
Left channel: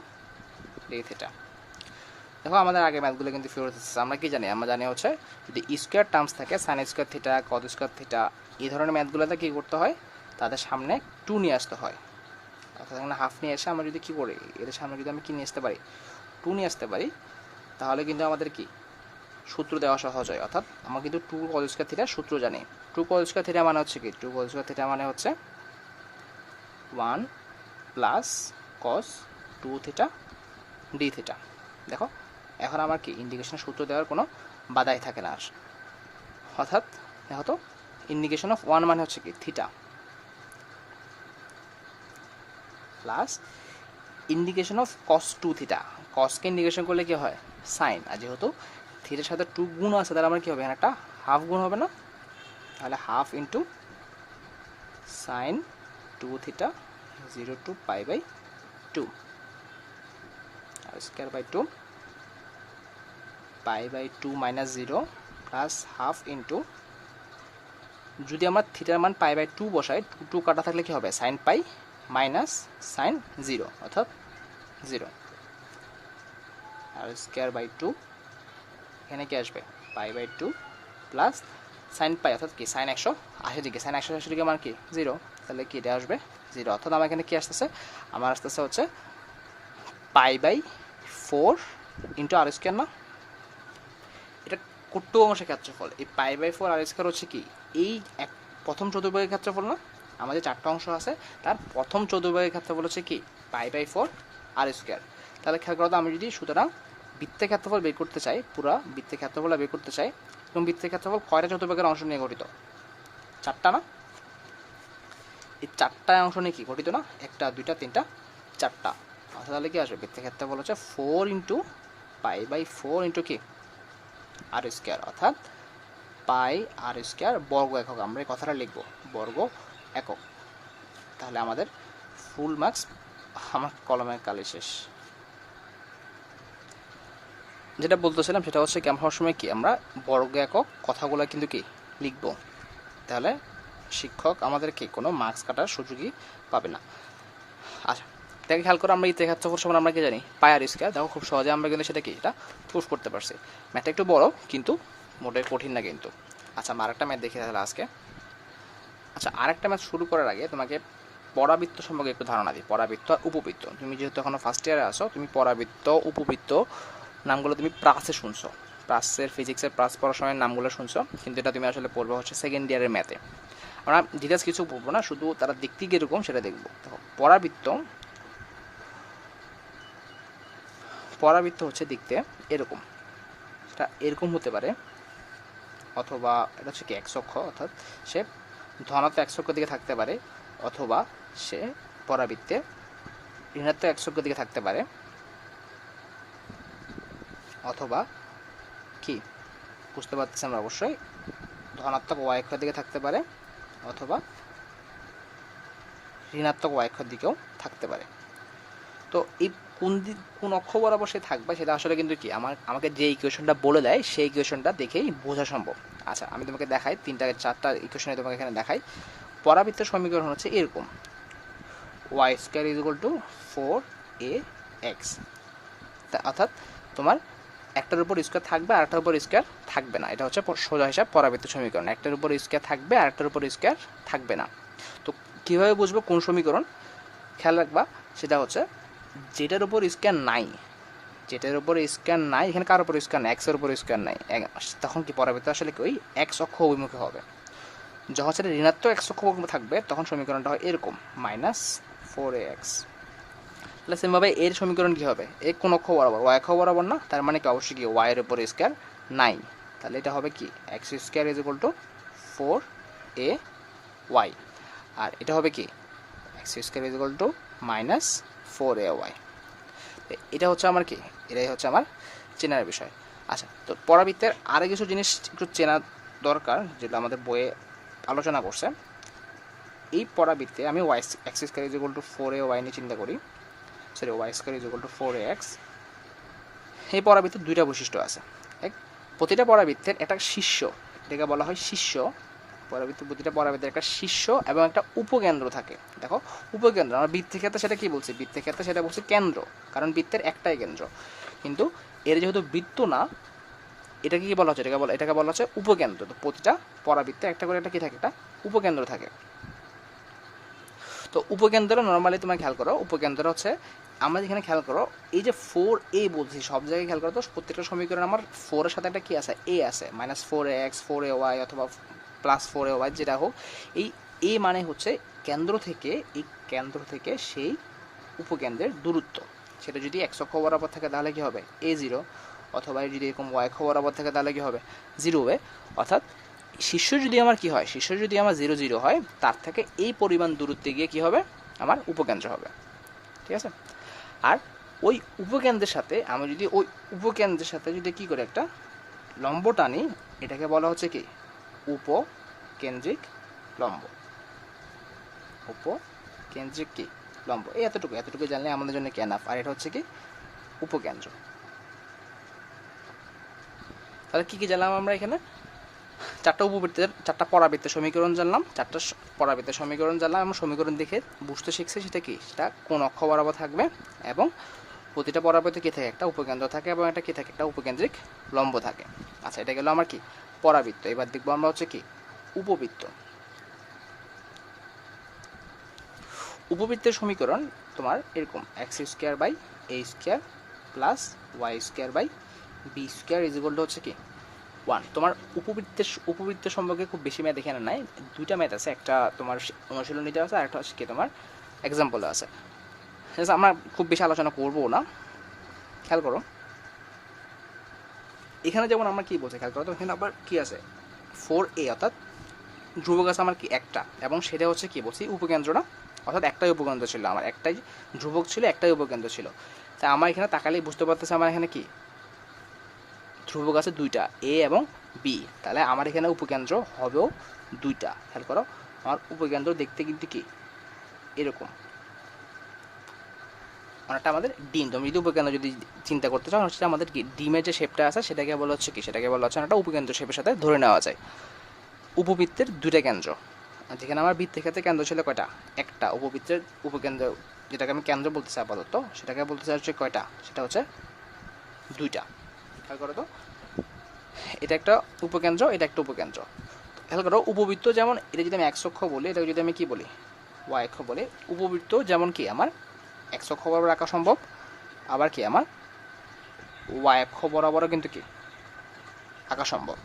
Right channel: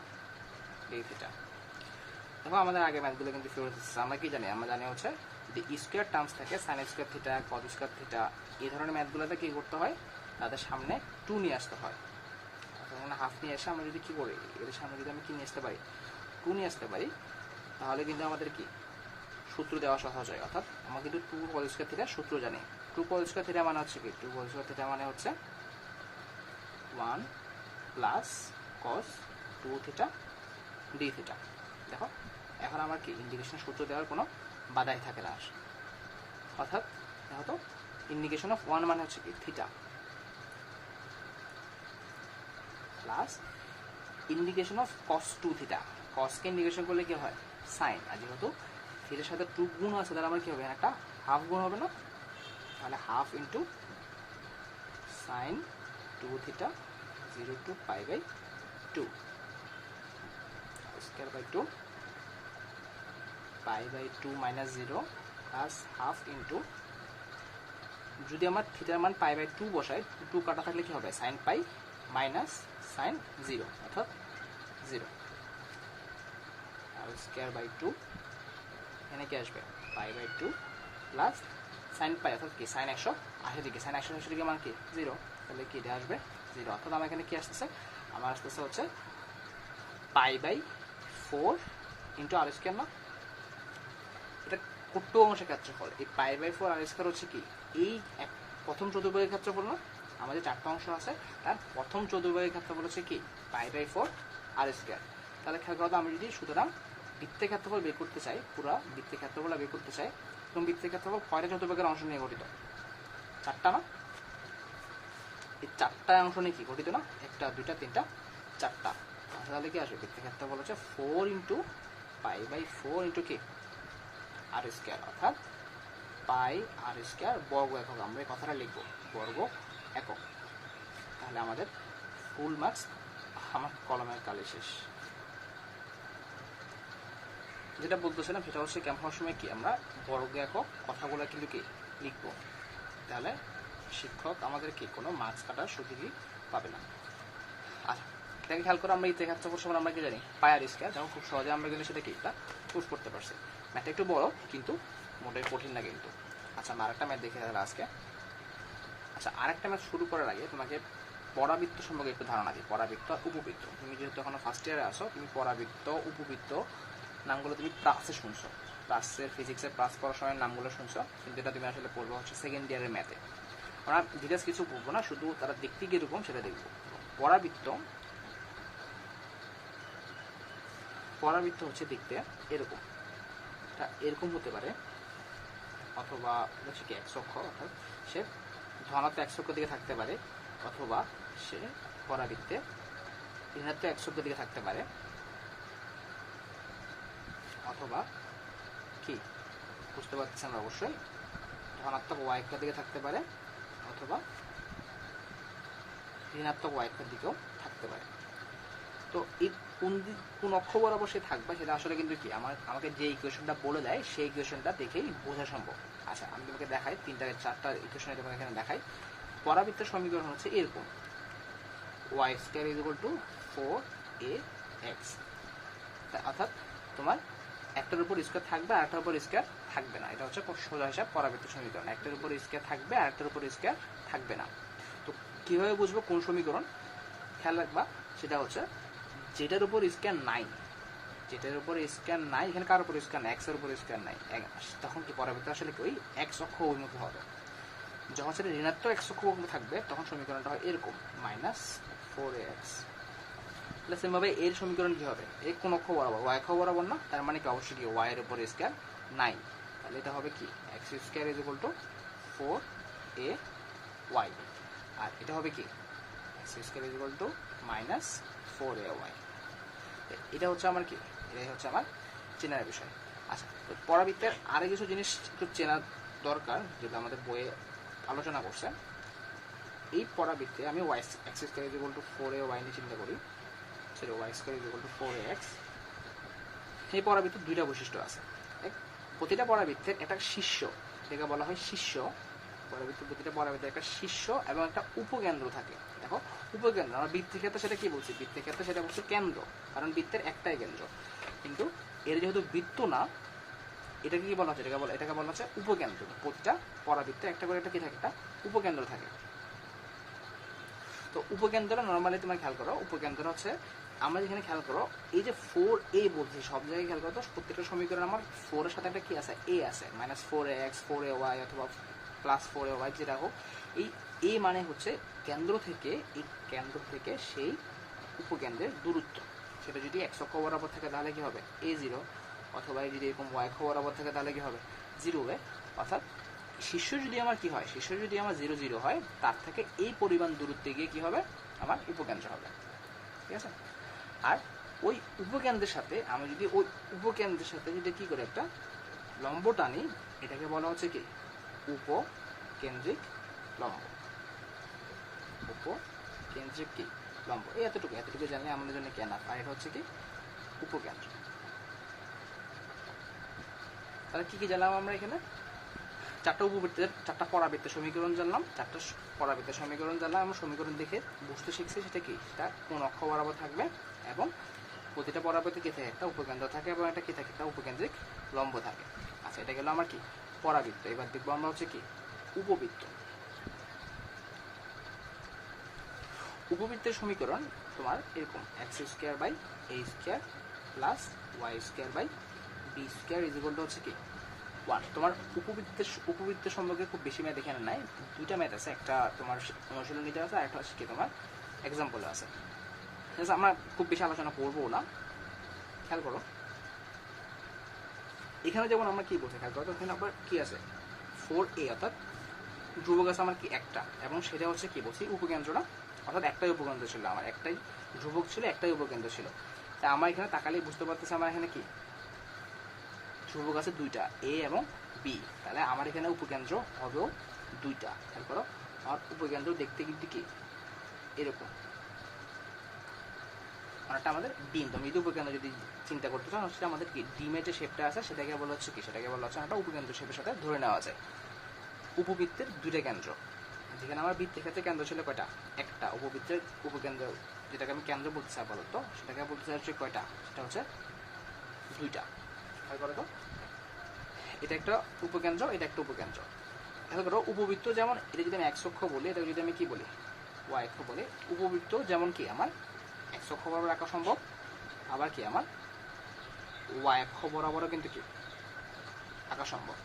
D theta. দেখো আমাদের আগে ম্যাথগুলো কিন্তু ফেরত এসেছে। আমরা কি জানি, আমরা জানি হচ্ছে যদি স্কোয়ার টার্মস থাকে sign square theta cos square theta, এই ধরনের ম্যাথগুলোতে কী করতে হয়, তাদের সামনে 2 নিয়ে আসতে হয়, অর্থাৎ এখানে হাফ নিয়ে এসে আমরা যদি কী করি, এদের সামনে যদি আমি কী নিয়ে আসতে পারি 2 নিয়ে আসতে পারি, তাহলে কিন্তু আমাদের কি সূত্র দেওয়া সহজ হয়। অর্থাৎ আমরা কিন্তু 2 কস স্কোয়ার থিটার সূত্র জানি। 2 কস স্কোয়ার থিটা মানে হচ্ছে কি, 2 কস স্কোয়ার থিটা মানে হচ্ছে 1 plus cos 2 theta D theta. দেখো এখন আমার কি ইন্ডিকেশনের সূত্র দেওয়ার কোনো বাধাই থাকে না আর। অর্থাৎ দেখো তো ইন্ডিকেশন অফ 1 মানে হচ্ছে কি theta plus integration of cos 2 theta, কসকে ইন্ডিকেশন করলে কি হয় সাইন, আর যেহেতু থিটার সাথে 2 গুণ আছে তাহলে আমার কি হবে, একটা হাফ গুণ হবে না, তাহলে half into sine 2 theta 0 to π/2 স্কোয়ার/2 π/2 মাইনাস 0 প্লাস হাফ ইন্টু, যদি আমরা থিটার মান π/2 বসাই 2 কাটা থাকলে কি হবে সাইন পাই মাইনাস সাইন 0 অর্থাৎ 0, আর স্কোয়ার/2 এখানে কি আসবে π/2 প্লাস সাইন পাই অর্থাৎ কি সাইন 180 ডিগ্রি, সাইন 180 ডিগ্রি আমার কি 0, তাহলে কি এটা আসবে 0, অর্থাৎ আমার এখানে কি আসতেছে, আমার আসতেছে হচ্ছে π/4 ইন্টু আর স্কোয়ার না, এটা কট্টু অংশের ক্ষেত্রফল। এই π/4 আর স্কোয়ার হচ্ছে কি এই প্রথম চতুর্ভাগের ক্ষেত্রফল না, আমাদের 4টা অংশ আছে তার প্রথম চতুর্ভাগের ক্ষেত্রফল হচ্ছে কি π/4 আর স্কোয়ার। তাহলে খেয়াল করো তো, আমি যদি সুতরাং বৃত্তের ক্ষেত্রফল বের করতে চাই, পুরো বৃত্তের ক্ষেত্রফল বের করতে চাই, এবং বৃত্তের ক্ষেত্রফল কয়টা চতুর্ভাগের অংশ নিয়ে গঠিত, 4টা না, এই 4টা অংশ নিয়ে কি গঠিত না, 1টা 2টা 3টা 4টা, তাহলে কি আসবে বৃত্তের ক্ষেত্রফল হচ্ছে 4 ইন্টু π/4 ইন্টু কি আর স্কোয়ার, অর্থাৎ পাই আর স্কোয়ার বর্গ একক। আমরা এই কথাটা লিখব বর্গ একক। তাহলে আমাদের ফুল মার্কস, আমার কলমের কালি শেষ। যেটা বলতেছিলাম সেটা হচ্ছে কি, আমরা সবসময় কি আমরা বর্গ একক কথাগুলো কিন্তু কি লিখব, তাহলে শিক্ষক আমাদেরকে কোনো মার্কস কাটার সুযোগই পাবে না। আচ্ছা, এটাকে খেয়াল করে আমরা এই রেখার চক্কর সমান আমরা কি জানি পাই আর স্কোয়ার। দেখো খুব সহজে আমরা কিন্তু সেটা কি এটা প্রুফ করতে পারছি। ম্যাথটা একটু বড় কিন্তু মোটেই কঠিন না কিন্তু। আচ্ছা, আমরা আরেকটা ম্যাথ দেখি তাহলে আজকে। আচ্ছা, আরেকটা ম্যাথ শুরু করার আগে তোমাকে পরাবৃত্ত সম্পর্কে একটু ধারণা দিই। পরাবৃত্ত আর উপবৃত্ত, তুমি যেহেতু এখনো ফার্স্ট ইয়ারে আসো, তুমি পরাবৃত্ত উপবৃত্ত নামগুলো তুমি প্রাসে শুনছো, প্রাসের ফিজিক্সের প্রাস পড়ার সময় নামগুলো শুনছো, কিন্তু এটা তুমি আসলে পড়বে হচ্ছে সেকেন্ড ইয়ারের ম্যাথে। আমরা ডিটেলস কিছু পড়বো না, শুধু তারা দেখতে কীরকম সেটা দেখবো। পরাবৃত্ত পরাবৃত্ত হচ্ছে দেখতে এরকম, এটা এরকম হতে পারে, অথবা এটা হচ্ছে কি এক্স অক্ষ, অর্থাৎ সে ধনাত্মক এক্স অক্ষের দিকে থাকতে পারে, অথবা সে পরাবৃত্তে ঋণাত্মক এক্স অক্ষের দিকে থাকতে পারে, অথবা কি বুঝতে পারতেছি আমরা অবশ্যই ধনাত্মক ওয়াই অক্ষের দিকে থাকতে পারে, অথবা ঋণাত্মক ওয়াই অক্ষের দিকেও থাকতে পারে। তো এই কোন অক্ষ বরাবর সে থাকবে সেটা আসলে কিন্তু কি আমাকে যে ইকুয়েশনটা বলে দেয় সেই ইকুয়েশনটা দেখেই বোঝা সম্ভব। আচ্ছা, আমি তোমাকে দেখাই, 3-4টা ইকুয়েশনে তোমাকে এখানে দেখাই। পরাবৃত্তের সমীকরণ হচ্ছে এরকম, Y square is equal to 4ax, অর্থাৎ তোমার একটার উপর স্কোয়ার থাকবে আর একটার উপর স্কোয়ার থাকবে না। এটা হচ্ছে সোজা হিসাব পরাবৃত্ত সমীকরণ, একটার উপর স্কোয়ার থাকবে আর একটার উপর স্কোয়ার থাকবে না। তো কীভাবে বুঝবো কোন সমীকরণ? খেয়াল রাখবা, সেটা হচ্ছে যেটার উপর স্কোয়ার নাই, যেটার উপর স্কোয়ার নাই, এখানে কার উপর স্কোয়ার নাই, এক্সের উপর স্কোয়ার নাই, তখন কি পরাবৃত্ত আসলে কি ওই এক্স অক্ষ অভিমুখে হবে। যখন সেটা ঋণাত্মক এক্স অক্ষ অভিমুখে থাকবে তখন সমীকরণটা হয় এরকম -4ax। তাহলে সেমভাবে এর সমীকরণ কী হবে, এ কোন অক্ষ বরাবর, ওয়াই অক্ষ বরাবর না, তার মানে কি অবশ্যই কি ওয়াই এর উপর স্কোয়ার নাই। তাহলে এটা হবে কি x square is equal to 4ay, আর এটা হবে কি x square is equal to -4ay। এটা হচ্ছে আমার কি, এটাই হচ্ছে আমার চেনার বিষয়। আচ্ছা, তো পরাবৃত্তের আরও কিছু জিনিস একটু চেনা দরকার যেগুলো আমাদের বইয়ে আলোচনা করছে। এই পরাবৃত্তে আমি Y X square is equal to 4ay নিয়ে চিন্তা করি, sorry Y square is equal to 4ax। এই পরাবৃত্তের দুইটা বৈশিষ্ট্য আছে। প্রতিটা পরাবৃত্তের একটা শীর্ষ, এটাকে বলা হয় শীর্ষ। প্রতিটা পরাবৃত্তের একটা শীর্ষ এবং একটা উপকেন্দ্র থাকে। দেখো উপকেন্দ্র, আমরা বৃত্তের ক্ষেত্রে সেটা কি বলছি, বৃত্তের ক্ষেত্রে সেটা বলছি কেন্দ্র, কারণ বৃত্তের একটাই কেন্দ্র। কিন্তু এর যেহেতু বৃত্ত না, এটাকে কি বলা হচ্ছে, এটাকে বলা হচ্ছে উপকেন্দ্র। তো প্রতিটা পরাবৃত্তে একটা করে একটা কি থাকে, একটা উপকেন্দ্র থাকে। তো উপকেন্দ্র নর্মালি তোমার খেয়াল করো, উপকেন্দ্র হচ্ছে আমরা যেখানে খেয়াল করো এই যে 4a বলছি, সব জায়গায় খেয়াল করো তো প্রত্যেকটা সমীকরণ আমার 4 এর সাথে একটা কি আছে, a আছে, -4ax 4ay অথবা +4ay যেটা হোক, এই a মানে হচ্ছে কেন্দ্র থেকে সেই উপকেন্দ্রের দূরত্ব। সেটা যদি x অক্ষ বরাবর থাকে তাহলে কি হবে a0, অথবা যদি এরকম y অক্ষ বরাবর থাকে তাহলে কি হবে 0 হবে। অর্থাৎ শীর্ষ যদি আমার কি হয়, শীর্ষ যদি আমার 0 0 হয়, তার থেকে এই পরিমাণ দূরত্বে গিয়ে কি হবে আমার উপকেন্দ্র হবে। ঠিক আছে, আর ওই উপকেন্দ্রের সাথে আমি যদি ওই উপকেন্দ্রের সাথে যদি কী করে একটা লম্ব টানি, এটাকে বলা হচ্ছে কি উপকেন্দ্রিক লম্ব। উপকেন্দ্রিক কি লম্ব, এই এতটুকু জানলে আমাদের জন্য এনাফ। আর এটা হচ্ছে কি উপকেন্দ্র। তাহলে কী কী জানলাম আমরা এখানে, চারটা পরাবৃত্তের সমীকরণ জানলাম, আমরা সমীকরণ দেখে বুঝতে শিখছি সেটা কি, সেটা কোন অক্ষ বরাবর থাকবে, এবং প্রতিটা পরাবৃত্তে কী থাকে, একটা উপকেন্দ্র থাকে, এবং একটা কী থাকে, একটা উপকেন্দ্রিক লম্ব থাকে। আচ্ছা, এটা গেল আমার কি পরাবৃত্ত। এবার দেখবো আমরা হচ্ছে কি উপবৃত্ত। উপবৃত্তের সমীকরণ তোমার এরকম x² / a² + y² / b² is equal to হচ্ছে কি 1। তোমার উপবৃত্তের সম্পর্কে খুব বেশি ম্যাথ এখানে নাই, দুইটা ম্যাথ আছে, একটা তোমার অনুশীলনীতে আছে আর একটা হচ্ছে কি তোমার এক্সাম্পলে আছে। আমরা খুব বেশি আলোচনা করবো না, খেয়াল করো এখানে যেমন আমরা কি বলছি, খেয়াল করো তো এখানে আবার কি আছে 4a, অর্থাৎ ধ্রুবক আছে আমার কি একটা, এবং সেটা হচ্ছে কি বলছি উপকেন্দ্র না, অর্থাৎ একটাই উপকেন্দ্র ছিল আমার, একটাই ধ্রুবক ছিল, একটাই উপকেন্দ্র ছিল। তাই আমার এখানে তাকালেই বুঝতে পারতেছে আমার এখানে কি ধ্রুবক আছে দুইটা, এ এবং বি, তাহলে আমার এখানে উপকেন্দ্র হবেও দুইটা। খেয়াল করো, আমার উপকেন্দ্র দেখতে কিন্তু কি এরকম, অনেকটা আমাদের ডিম। তুমি যদি উপকেন্দ্র যদি চিন্তা করতে চাও, হচ্ছে আমাদের কি ডিমের যে শেপটা আছে সেটাকে বলা হচ্ছে কি, সেটাকে বলা হচ্ছে একটা উপকেন্দ্র শেপের সাথে ধরে নেওয়া যায়। উপবৃত্তের দুইটা কেন্দ্র, যেখানে আমার বৃত্তের ক্ষেত্রে কেন্দ্র ছিল কয়টা, একটা। উপবৃত্তের উপকেন্দ্র যেটাকে আমি কেন্দ্র বলতেছি আপাতত, সেটাকে বলতে চাই হচ্ছে কয়টা, সেটা হচ্ছে দুইটা। খেয়াল করো তো, এটা একটা উপকেন্দ্র, এটা একটা উপকেন্দ্র। খেয়াল করো, উপবৃত্ত যেমন এটা যদি আমি এক্স অক্ষ বলি, এটা যদি আমি কি বলি ওয়াই অক্ষ বলি, উপবৃত্ত যেমন কি আমার এক্স অক্ষ বরাবর আঁকা সম্ভব, আবার কি আমার ওয়াই অক্ষ বরাবরও কিন্তু কি আঁকা সম্ভব।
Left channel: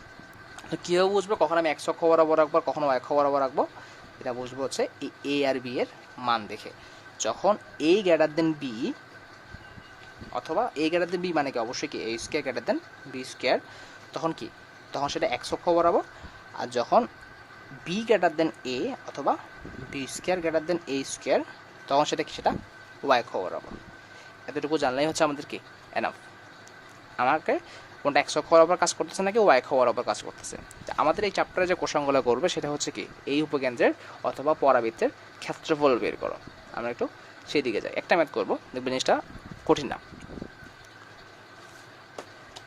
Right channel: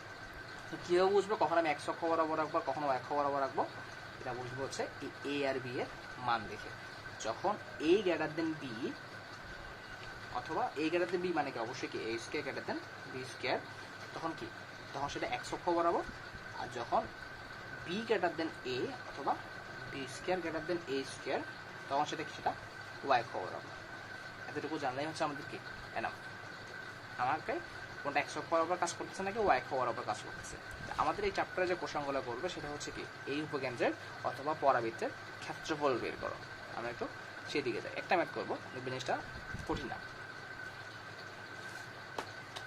তো কীভাবে বুঝবো কখন আমি এক্স অক্ষ বরাবর রাখবো, কখনো ওয়াই অক্ষ বরাবর রাখবো, এটা বুঝবো হচ্ছে এই এ আর বি এর মান দেখে। যখন এ গ্রেটার দেন বি, অথবা এ গ্রেটার দেন বি মানে কি অবশ্যই কি A square greater than B square, তখন কি, তখন সেটা এক্স অক্ষ বরাবর। আর যখন বি গ্রেটার দেন এ অথবা বি স্কোয়ার গ্রেটার দেন এ স্কোয়ার, তখন সেটা কি, সেটা ওয়াই অক্ষ বরাবর। এতটুকু জানলেই হচ্ছে আমাদের কি এনাফ, আমাকে কোনটা এক্স অক্ষ বরাবর কাজ করতেছে নাকি ওয়াই অক্ষ বরাবর কাজ করতেছে। আমাদের এই চ্যাপ্টারে যে কোশ্চেনগুলো করবে সেটা হচ্ছে কি এই উপকেন্দ্রের অথবা পরাবৃত্তের ক্ষেত্রফল বের করো। আমরা একটু সেই দিকে যাই, একটা ম্যাথ করবো, দেখবেন জিনিসটা কঠিন না।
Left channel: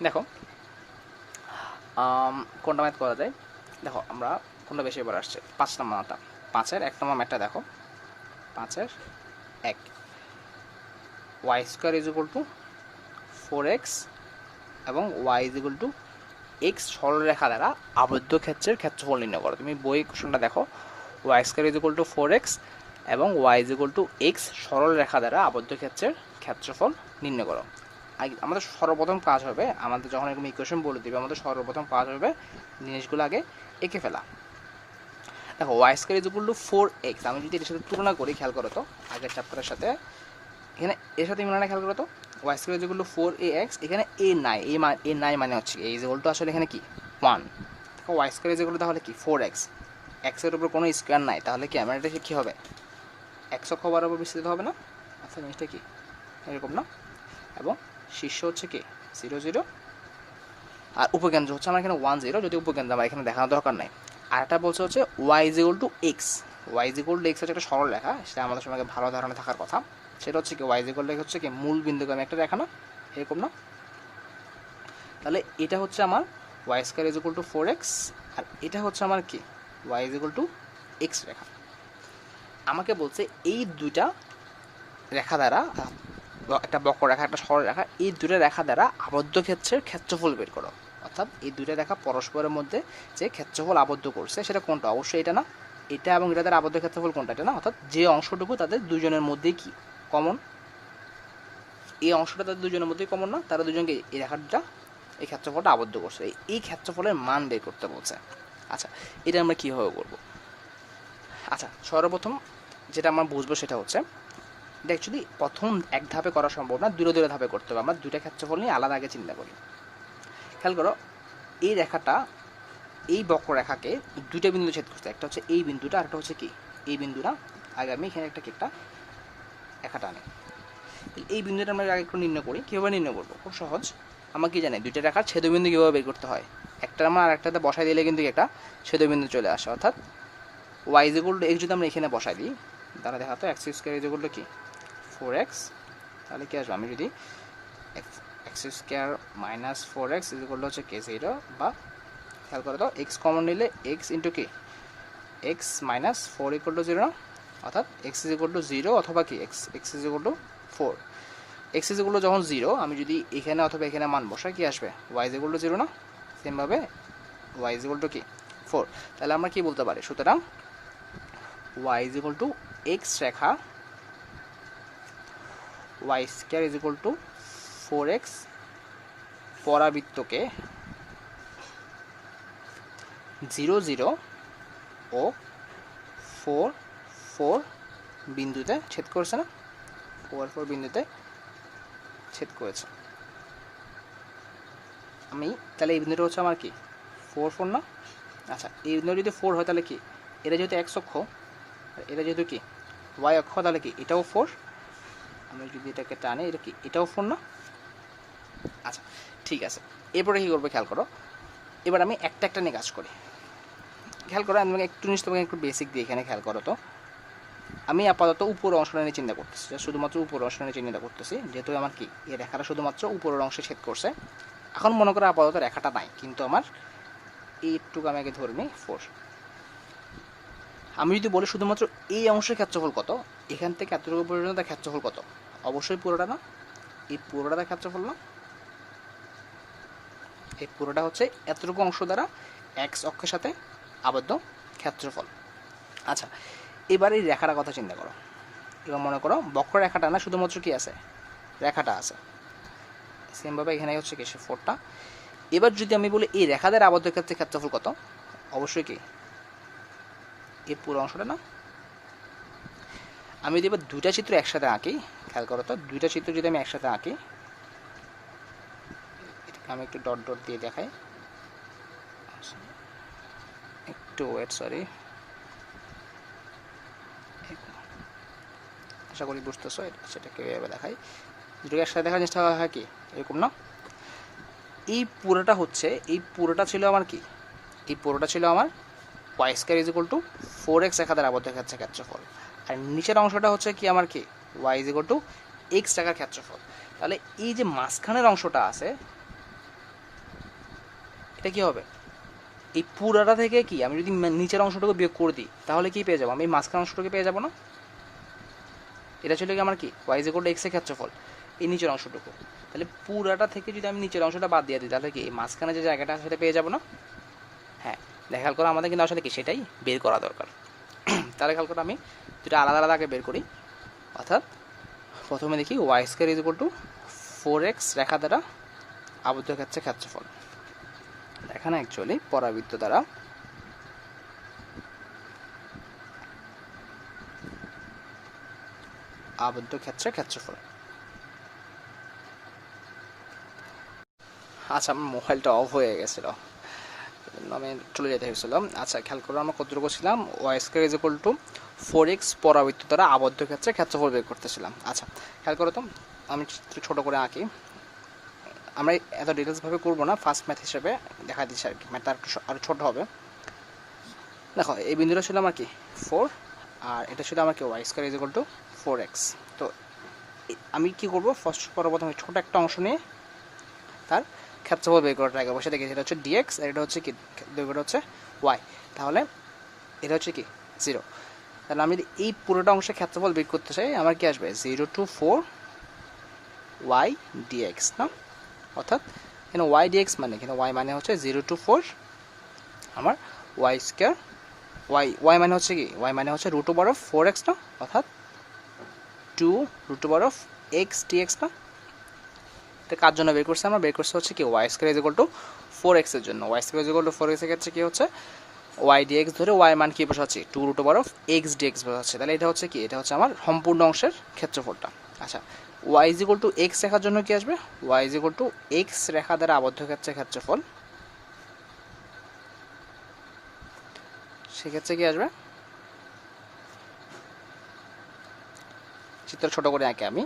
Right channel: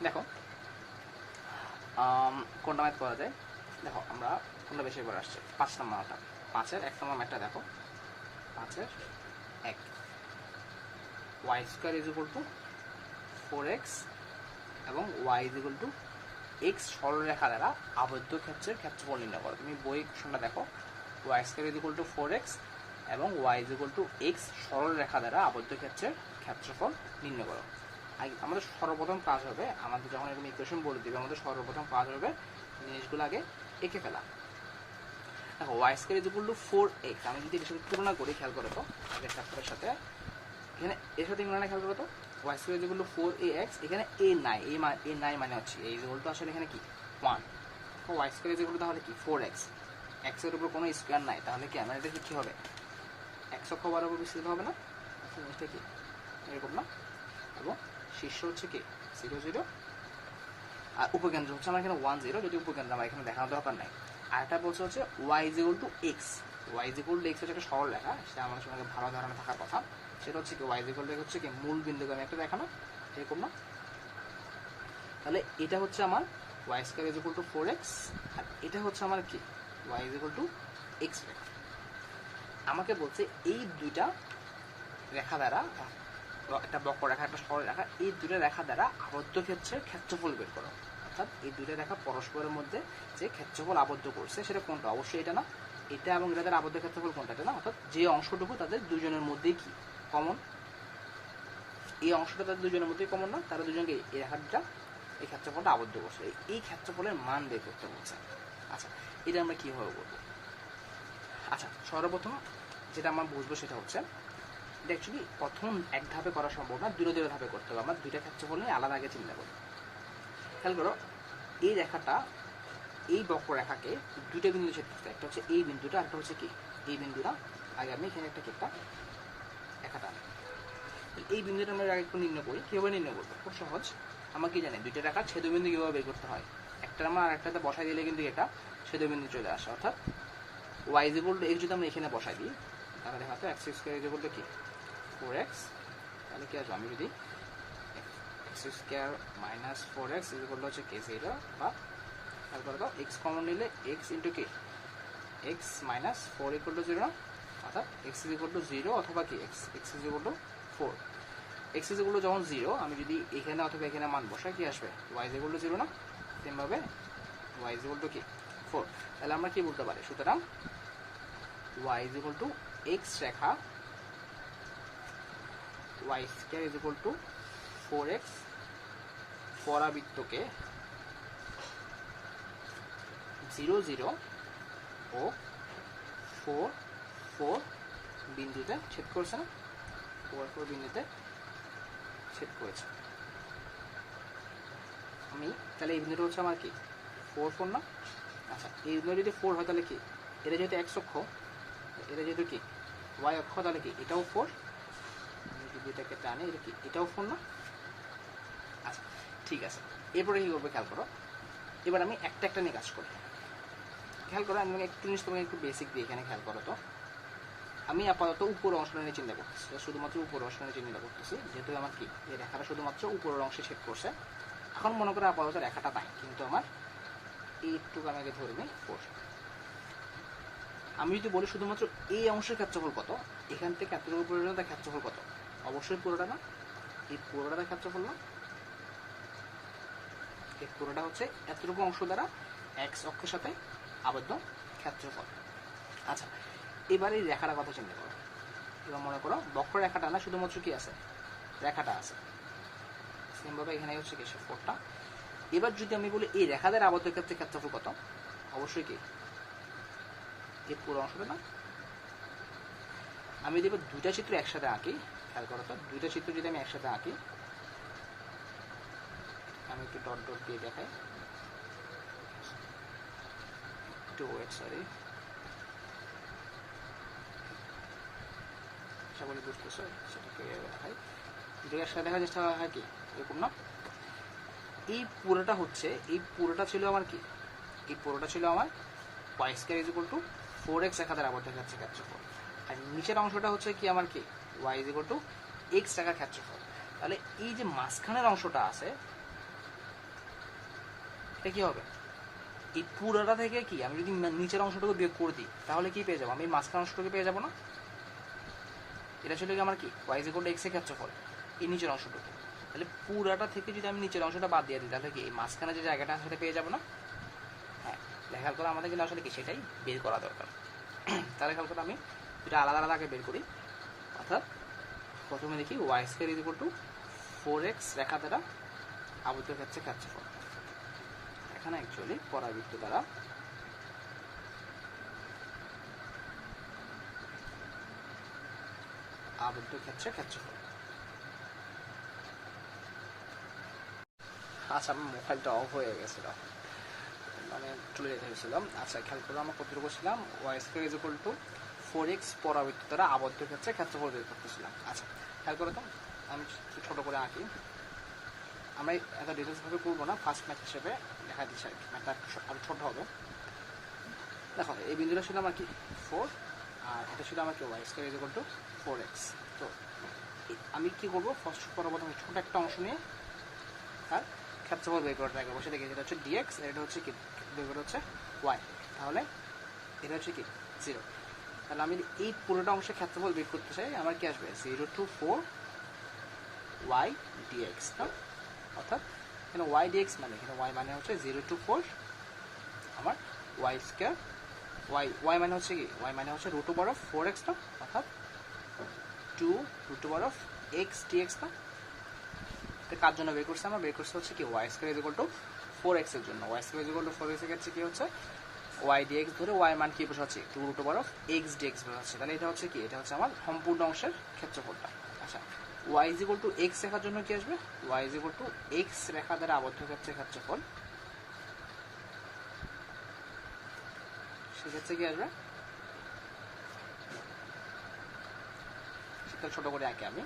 দেখো কোনটা ম্যাথ করা যায়, দেখো আমরা কোনটা বেশি এবার আসছে, 5 নম্বরটা, 5-এর 1 নম্বর ম্যাথটা দেখো, 5-এর 1, Y square is equal to 4x এবং Y is equal to X সরলরেখা দ্বারা আবদ্ধ ক্ষেত্রের ক্ষেত্রফল নির্ণয় করো। তুমি বই কোশ্চেনটা দেখো, Y square is equal to 4x এবং Y is equal to X সরলরেখা দ্বারা আবদ্ধ ক্ষেত্রের ক্ষেত্রফল নির্ণয় করো। আমাদের সর্বপ্রথম কাজ হবে, আমাদের যখন এরকম ইকুয়েশন বলে দিবে, আমাদের সর্বপ্রথম কাজ হবে জিনিসগুলো আগে এঁকে ফেলা। দেখো Y square is equal to 4x, আমি যদি এর সাথে তুলনা করি, খেয়াল করো তো আগের চ্যাপ্টারের সাথে, এখানে এর সাথে মিলানো, খেয়াল করো তো Y square is equal to 4ax, এখানে এ নাই, এ নাই মানে হচ্ছে এ ইজ ইকুয়াল টু আসলে এখানে কি 1, Y square is equal to তাহলে কি 4x, এক্সের উপর কোনো স্কোয়ার নাই, তাহলে কি আমার এটা কী হবে, এক্স অক্ষ বরাবর বিস্তৃত হবে না। আচ্ছা জিনিসটা কি এরকম না, এবং শীর্ষ হচ্ছে কি 0 0, আর উপকেন্দ্র হচ্ছে আমার এখানে 1 0, যদি উপকেন্দ্র আমার এখানে দেখানোর দরকার নাই। আর একটা বলছে হচ্ছে Y is equal to X, Y is equal to X হচ্ছে একটা সরল রেখা, সেটা আমাদের সঙ্গে ভালো ধারণা থাকার কথা। সেটা হচ্ছে কি ওয়াই ইজ ইকুয়াল টু হচ্ছে কি মূল বিন্দুকে আমি একটা রেখা না, এরকম না, তাহলে এটা হচ্ছে আমার Y square is equal to 4x, আর এটা হচ্ছে আমার কি Y is equal to X রেখা। আমাকে বলছে এই দুইটা রেখা দ্বারা, একটা বক্ররেখা একটা সরলরেখা, এই দুটো রেখা দ্বারা আবদ্ধ ক্ষেত্রের ক্ষেত্রফল বের করো। অর্থাৎ এই দুইটা রেখা পরস্পরের মধ্যে যে ক্ষেত্রফল আবদ্ধ করছে সেটা কোনটা, অবশ্যই এটা না, এটা এবং এটা দ্বারা আবদ্ধ ক্ষেত্রফল কোনটা, এটা না, অর্থাৎ যে অংশটুকু তাদের দুজনের মধ্যেই কি কমন, এই অংশটা তাদের দুজনের মধ্যেই কমন না, তারা দুজনকে এই রেখাটা এই ক্ষেত্রফলটা আবদ্ধ করছে, এই ক্ষেত্রফলের মান বের করতে বলছে। আচ্ছা এটা আমরা কীভাবে করবো, আচ্ছা সর্বপ্রথম যেটা আমরা বুঝবো সেটা হচ্ছে, এটা অ্যাকচুয়ালি প্রথম এক ধাপে করা সম্ভব না, দূরে দূরে ধাপে করতে হবে। আমরা দুইটা ক্ষেত্রফল নিয়ে আলাদা আগে চিন্তা করি। খেয়াল করো, এই রেখাটা এই বক্ররেখাকে দুইটা বিন্দু ছেদ করছে, একটা হচ্ছে এই বিন্দুটা, আর একটা হচ্ছে কি এই বিন্দুটা। আগে আমি এখানে একটা রেখাটা আনি, এই বিন্দুটা আমরা আগে একটু নির্ণয় করি। কীভাবে নির্ণয় করবো, খুব সহজ, আমরা কি জানি দুইটা রেখার ছেদবিন্দু কীভাবে বের করতে হয়, একটা আমরা আরেকটাতে বসাই দিলে কিন্তু একটা ছেদবিন্দু চলে আসে। অর্থাৎ Y is equal to X যদি আমরা এখানে বসাই দিই, তাহলে দেখাতো X square is equal to কি 4x, তাহলে কি আসবে, আমি যদি X square minus 4x is equal to হচ্ছে কে 0, বা খেয়াল করে দাও এক্স কমন নিলে এক্স ইন্টু কি এক্স মাইনাস 4 ইকুয়াল টু 0 না, অর্থাৎ এক্স ইজ ইকুয়াল টু 0 অথবা কি x is equal two 4, x is equal two যখন 0, আমি যদি এখানে অথবা এখানে মান বসাই কি আসবে, ওয়াই ইজ ইকুয়াল টু 0 না, সেমভাবে ওয়াই ইজ ইকুয়াল টু কি 4, তাহলে আমরা কি বলতে পারি, সুতরাং Y is equal to X রেখা Y square is equal to 4x পরাবৃত্তকে 0 0 ও 4 4 বিন্দুতে ছেদ করেছে না, 4 4 বিন্দুতে ছেদ করেছে। আমি তাহলে এই বিন্দুটা হচ্ছে আমার কি 4 4 না, আচ্ছা এই বিন্দু যদি 4 হয় তাহলে কি, এটা যেহেতু x অক্ষ, এটা যেহেতু কি y অক্ষ, তাহলে কি এটাও 4, আমি যদি এটাকে টানি এটা কি এটাও 4 না। আচ্ছা ঠিক আছে, এরপরে কী করবো খেয়াল করো, এবার আমি একটা একটা নিয়ে কাজ করি। খেয়াল করো, আমি তোমাকে একটু জিনিস তোমাকে একটু বেসিক দিয়ে এখানে খেয়াল করো। তো আমি আপাতত উপরের অংশটা নিয়ে চিন্তা করতেছি, শুধুমাত্র উপরের অংশটা নিয়ে চিন্তা করতেছি, যেহেতু আমার কি এই রেখাটা শুধুমাত্র উপরের অংশে ছেদ করছে। এখন মনে করো আপাতত রেখাটা নাই, কিন্তু আমার এইটুকু আমি আগে ধরবি 4। আমি যদি বলি শুধুমাত্র এই অংশের ক্ষেত্রফল কত, এখান থেকে এতটুকু পর্যন্ত তার ক্ষেত্রফল কত, অবশ্যই পুরোটা না, এই পুরোটা তার ক্ষেত্রফল না, এই পুরোটা হচ্ছে এতটুকু অংশ দ্বারা এক্স অক্ষের সাথে আবদ্ধ ক্ষেত্রফল। আচ্ছা, এবার এই রেখাটার কথা চিন্তা করো। এবার মনে করো বক্ররেখাটা না, শুধুমাত্র কি আছে, রেখাটা আছে। সেমভাবে এখানে হচ্ছে কি সে 4টা। এবার যদি আমি বলি এই রেখা দ্বারা আবদ্ধ ক্ষেত্রে ক্ষেত্রফল কত, অবশ্যই কি এই পুরো অংশটা না। আমি যদি এবার দুইটা চিত্র একসাথে আঁকি, খেয়াল করো তো, দুইটা চিত্র যদি আমি একসাথে আঁকি, আমি একটু ডট ডট দিয়ে দেখাই, একটু ওয়েট, সরি, আশা করি বুঝতেছো, সেটাকে দেখাই। দুটোকে একসাথে দেখার চেষ্টা হয় কি এরকম না। এই পুরোটা হচ্ছে, এই পুরোটা ছিল আমার কি, এই পুরোটা ছিল আমার Y square is equal to 4x রেখা দ্বারা আবদ্ধ ক্ষেত্রের ক্ষেত্রফল, আর নিচের অংশটা হচ্ছে কি আমার কি Y is equal to X রেখার ক্ষেত্রফল। তাহলে এই যে মাঝখানের অংশটা আছে, এটা কি হবে, এই পুরোটা থেকে কি আমি যদি নিচের অংশটুকু বিয়োগ করে দিই, তাহলে কি পেয়ে যাবো, আমি মাঝখানের অংশটুকু পেয়ে যাবো না। এটা ছিল কি আমার কি Y is equal to X এর ক্ষেত্রফল, এই নিচের অংশটুকু। তাহলে পুরাটা থেকে যদি আমি নিচের অংশটা বাদ দিয়ে দিই, তাহলে কি এই মাঝখানে যে জায়গাটা সেটা পেয়ে যাবো না। হ্যাঁ, দেখাল করে আমাদের কিন্তু আসলে কি সেটাই বের করা দরকার। তাহলে খেয়াল করে আমি দুটো আলাদা আলাদা আগে বের করি। অর্থাৎ প্রথমে দেখি Y square is equal to 4x রেখা দ্বারা আবদ্ধ ক্ষেত্রের ক্ষেত্রফল। এখানে অ্যাকচুয়ালি পরাবৃত্ত দ্বারা আবদ্ধ ক্ষেত্রের ক্ষেত্রফল। আচ্ছা, আমার মোবাইলটা অফ হয়ে গেছিল, আমি চলে যেতে হয়েছিল। আচ্ছা, খেয়াল করো আমরা কতটুকু ছিলাম, Y square is equal to 4x পরাবৃত্ত দ্বারা আবদ্ধ ক্ষেত্রে ক্ষেত্রফল বের করতেছিলাম। আচ্ছা, খেয়াল করো তো, আমি ছোটো করে আঁকি, আমরা এত ডিটেলসভাবে করবো না, ফার্স্ট ম্যাথ হিসেবে দেখা দিচ্ছি আর কি, ম্যাথটা আরও ছোটো হবে। দেখো, এই বিন্দুটা ছিল আমার কি 4, আর এটা ছিল আমার কি Y square is equal to 4x। তো আমি কি করবো, ফার্স্ট প্রথমে ছোটো একটা অংশ নিয়ে তার ক্ষেত্রফল বের করে ট্রাই করবো। সেটা কি, এটা হচ্ছে ডিএক্স, আর এটা হচ্ছে কি, দৈর্ঘ্যটা হচ্ছে ওয়াই। তাহলে এটা হচ্ছে কি 0। তাহলে আমি যদি এই পুরোটা অংশের ক্ষেত্রফল বের করতে চাই, আমার কি আসবে 0 to 4 ওয়াই ডিএক্স না। অর্থাৎ এখানে ওয়াই ডিএক্স মানে, এখানে ওয়াই মানে হচ্ছে 0 to 4 আমার ওয়াই স্কয়ার, ওয়াই মানে হচ্ছে কি, ওয়াই মানে হচ্ছে রুট ওভার অফ 4x না, অর্থাৎ 2 root over of X DX না। এটা কার জন্য বের করছে, আমরা বের করছে হচ্ছে কি Y square is equal to 4x এর জন্য। Y square is equal to 4x এর ক্ষেত্রে কি হচ্ছে, ওয়াই ডিএক্স ধরে ওয়াই মান কি বসাচ্ছি 2 root over of X DX বসাচ্ছি। তাহলে এটা হচ্ছে কি, এটা হচ্ছে আমার সম্পূর্ণ অংশের ক্ষেত্রফলটা। আচ্ছা, Y is equal to X রেখার জন্য কি আসবে, Y is equal to X রেখা দ্বারা আবদ্ধ ক্ষেত্রের ক্ষেত্রফল, সেক্ষেত্রে কি আসবে, চিত্র ছোট করে আঁকে আমি,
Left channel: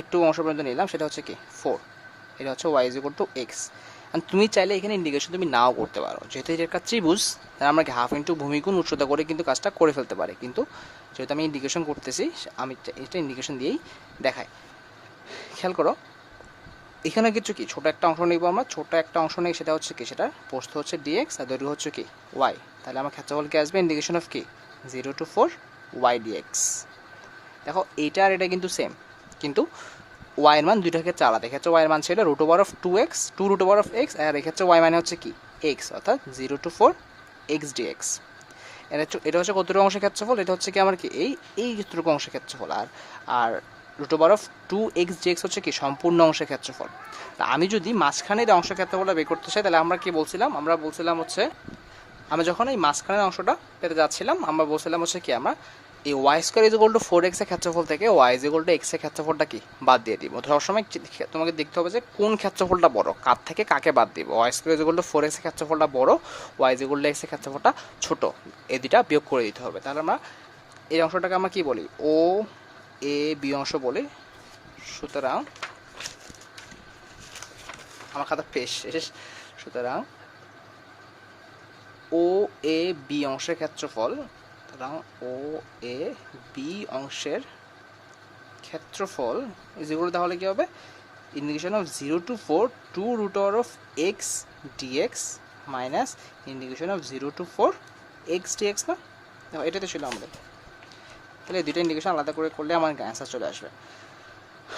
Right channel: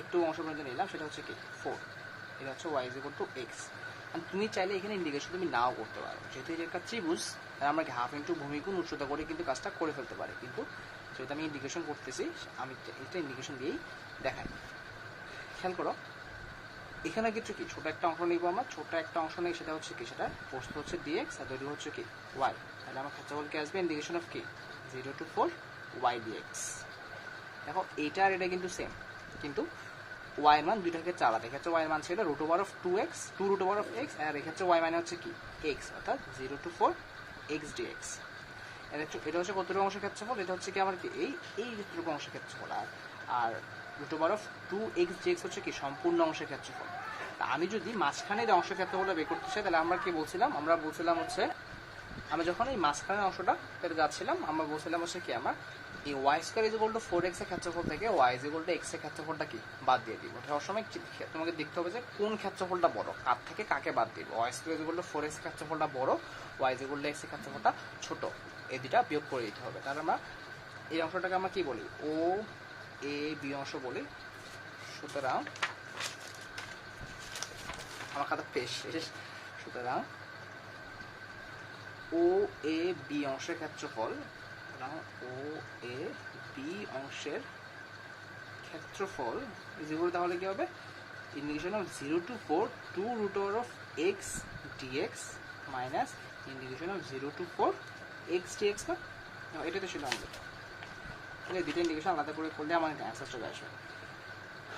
একটু অংশ পর্যন্ত নিলাম, সেটা হচ্ছে কি 4, এটা হচ্ছে Y is equal to X. তুমি চাইলে এখানে ইন্ডিকেশন তুমি নাও করতে পারো, যেহেতু এটা একটা ত্রিভুজ, তাহলে আমরা কি হাফ ইন্টু ভূমিগুণ উচ্চতা করে কিন্তু কাজটা করে ফেলতে পারি, কিন্তু যেহেতু আমি ইন্ডিকেশন করতেছি, আমি এটা ইন্ডিকেশন দিয়েই দেখাই। খেয়াল করো, এখানে কিছু কি ছোটো একটা অংশ নিব, আমরা ছোটো একটা অংশ নেই, সেটা হচ্ছে কি, সেটা প্রস্থ হচ্ছে ডিএক্স আর দৈর্ঘ্য হচ্ছে কি ওয়াই। তাহলে আমার ক্ষেত্রফল কি আসবে, ইন্ডিকেশন অফ কি 0 to 4 ওয়াই ডিএক্স। দেখো এইটা আর এটা কিন্তু সেম, কিন্তু ওয়াইয়ের মান দুইটার ক্ষেত্রে আলাদা। এক্ষেত্রে ওয়াইয়ের মান ছিল root over of 2x, 2 root over of X, আর এক্ষেত্রে ওয়াই মানে হচ্ছে কি এক্স, অর্থাৎ 0 to 4 এক্স ডিএক্স। এটা হচ্ছে কতটুকু অংশের ক্ষেত্রফল, এটা হচ্ছে কি আমার কি এই যতটুকু অংশের ক্ষেত্রফল, আর root over of 2x DX হচ্ছে কি সম্পূর্ণ অংশের ক্ষেত্রফল। তা আমি যদি মাঝখানের অংশের ক্ষেত্রফলটা বের করতে চাই, তাহলে আমরা কি বলছিলাম, আমরা বলছিলাম হচ্ছে, আমরা যখন এই মাঝখানের অংশটা পেতে যাচ্ছিলাম, আমরা বলছিলাম হচ্ছে কি, আমরা এই Y square is equal to 4x এর ক্ষেত্রফল থেকে Y is equal to X এর ক্ষেত্রফলটা কি বাদ দিয়ে দিব। সবসময় তোমাকে দেখতে হবে যে কোন ক্ষেত্রফলটা বড়, কার থেকে কাকে বাদ দিব। Y square is equal to 4x এর ক্ষেত্রফলটা বড়, Y is equal to X এর ক্ষেত্রফলটা ছোট, এই দুটা বিয়োগ করে দিতে হবে। তাহলে আমরা এই অংশটাকে আমরা কি বলি, ও এ বি অংশ বলি। সুতরাং আমার খাতা পেশ শেষ। সুতরাং ও এ বি অংশের ক্ষেত্রফল, সুতরাং ও এ বি অংশের ক্ষেত্রফল যেগুলো তাহলে কী হবে, integration of 0 to 4 2 root over of x dx minus integration of 0 to 4 x dx না, দেখো এটাই তো ছিল আমাদের। তাহলে দুইটা ইন্টিগ্রেশন আলাদা করে করলে আমার অ্যান্সার চলে আসবে।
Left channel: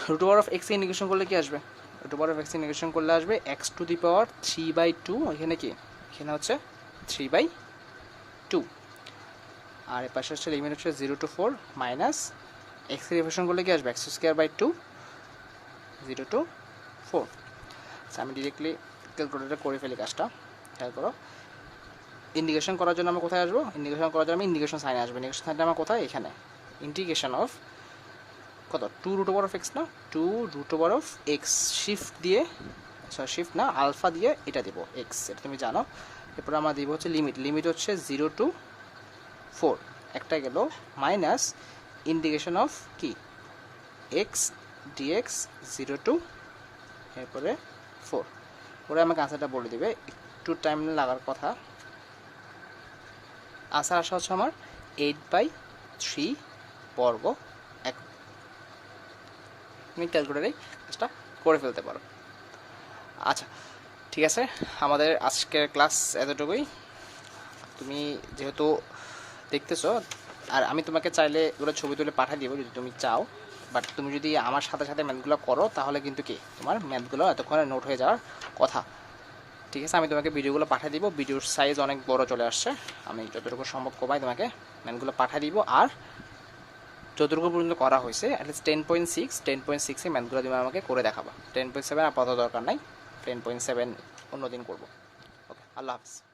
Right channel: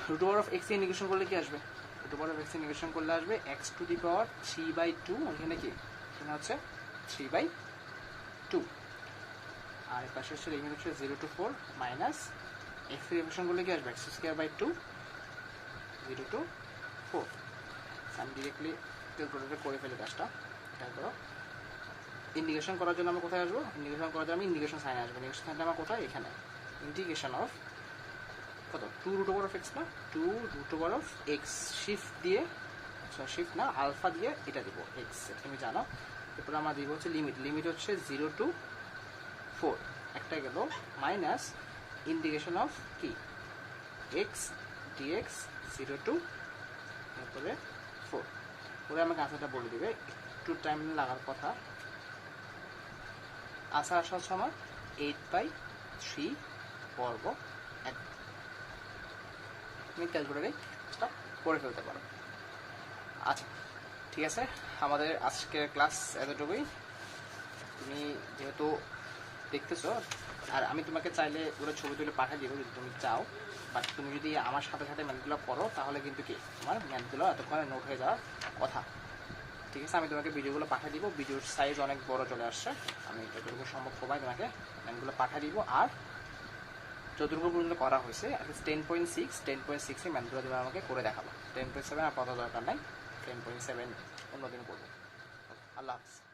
Root over of X integration করলে কি আসবে, root over of X integration করলে আসবে এক্স টু দি পাওয়ার 3/2, এখানে কি, এখানে হচ্ছে 3/2, আর এর পাশে হচ্ছে লিমিট হচ্ছে 0 to 4 মাইনাস এক্স ইন্টিগ্রেশন করলে কি আসবে x²/2 0 to 4। আমি ডিরেক্টলি ক্যালকুলেটরে করে ফেলি কাজটা, খেয়াল করো। ইন্টিগ্রেশন করার জন্য আমরা কোথায় আসবো, ইন্টিগ্রেশন করার জন্য আমি ইন্টিগ্রেশন সাইনে আসবো। ইন্টিগ্রেশন সাইনটা আমার কোথায়, এখানে। ইন্টিগ্রেশন অফ কত 2 root over of x না, 2 root over of x shift দিয়ে, সরি শিফট না আলফা দিয়ে এটা দিব x, এটা তুমি জানো। এরপরে আমরা দিব হচ্ছে লিমিট, লিমিট হচ্ছে 0 to 4 একটা গেল, মাইনাস ইন্টিগ্রেশন অফ কি x dx 0 to এরপরে 4, ওরা আমাকে আনসারটা বলে দিবে, একটু টাইম লাগার কথা। আনসার আসা হচ্ছে আমার 8/3 বর্গ 1। তুমি ক্যালকুলেটারেই কাজটা করে ফেলতে পারো। আচ্ছা ঠিক আছে, আমাদের আজকের ক্লাস এতটুকুই। তুমি যেহেতু দেখতেছো, আর আমি তোমাকে চাইলে ওগুলো ছবি তুলে পাঠিয়ে দিব যদি তুমি চাও, বাট তুমি যদি আমার সাথে সাথে ম্যাথগুলো করো তাহলে কিন্তু কি তোমার ম্যাথগুলো এতক্ষণে নোট হয়ে যাওয়ার কথা। ঠিক আছে, আমি তোমাকে ভিডিওগুলো পাঠিয়ে দিব, ভিডিওর সাইজ অনেক বড় চলে আসছে, আমি যতটুকু সম্ভব কমাই তোমাকে ম্যাথগুলো পাঠিয়ে দিব। আর যতটুকু পর্যন্ত করা হয়েছে অ্যাটলিস্ট 10.6 ম্যাথগুলো তুমি আমাকে করে দেখাবা। 10.7 আপাতত দরকার নাই, 10.7 অন্যদিন করবো। ওকে, আল্লাহ হাফিজ।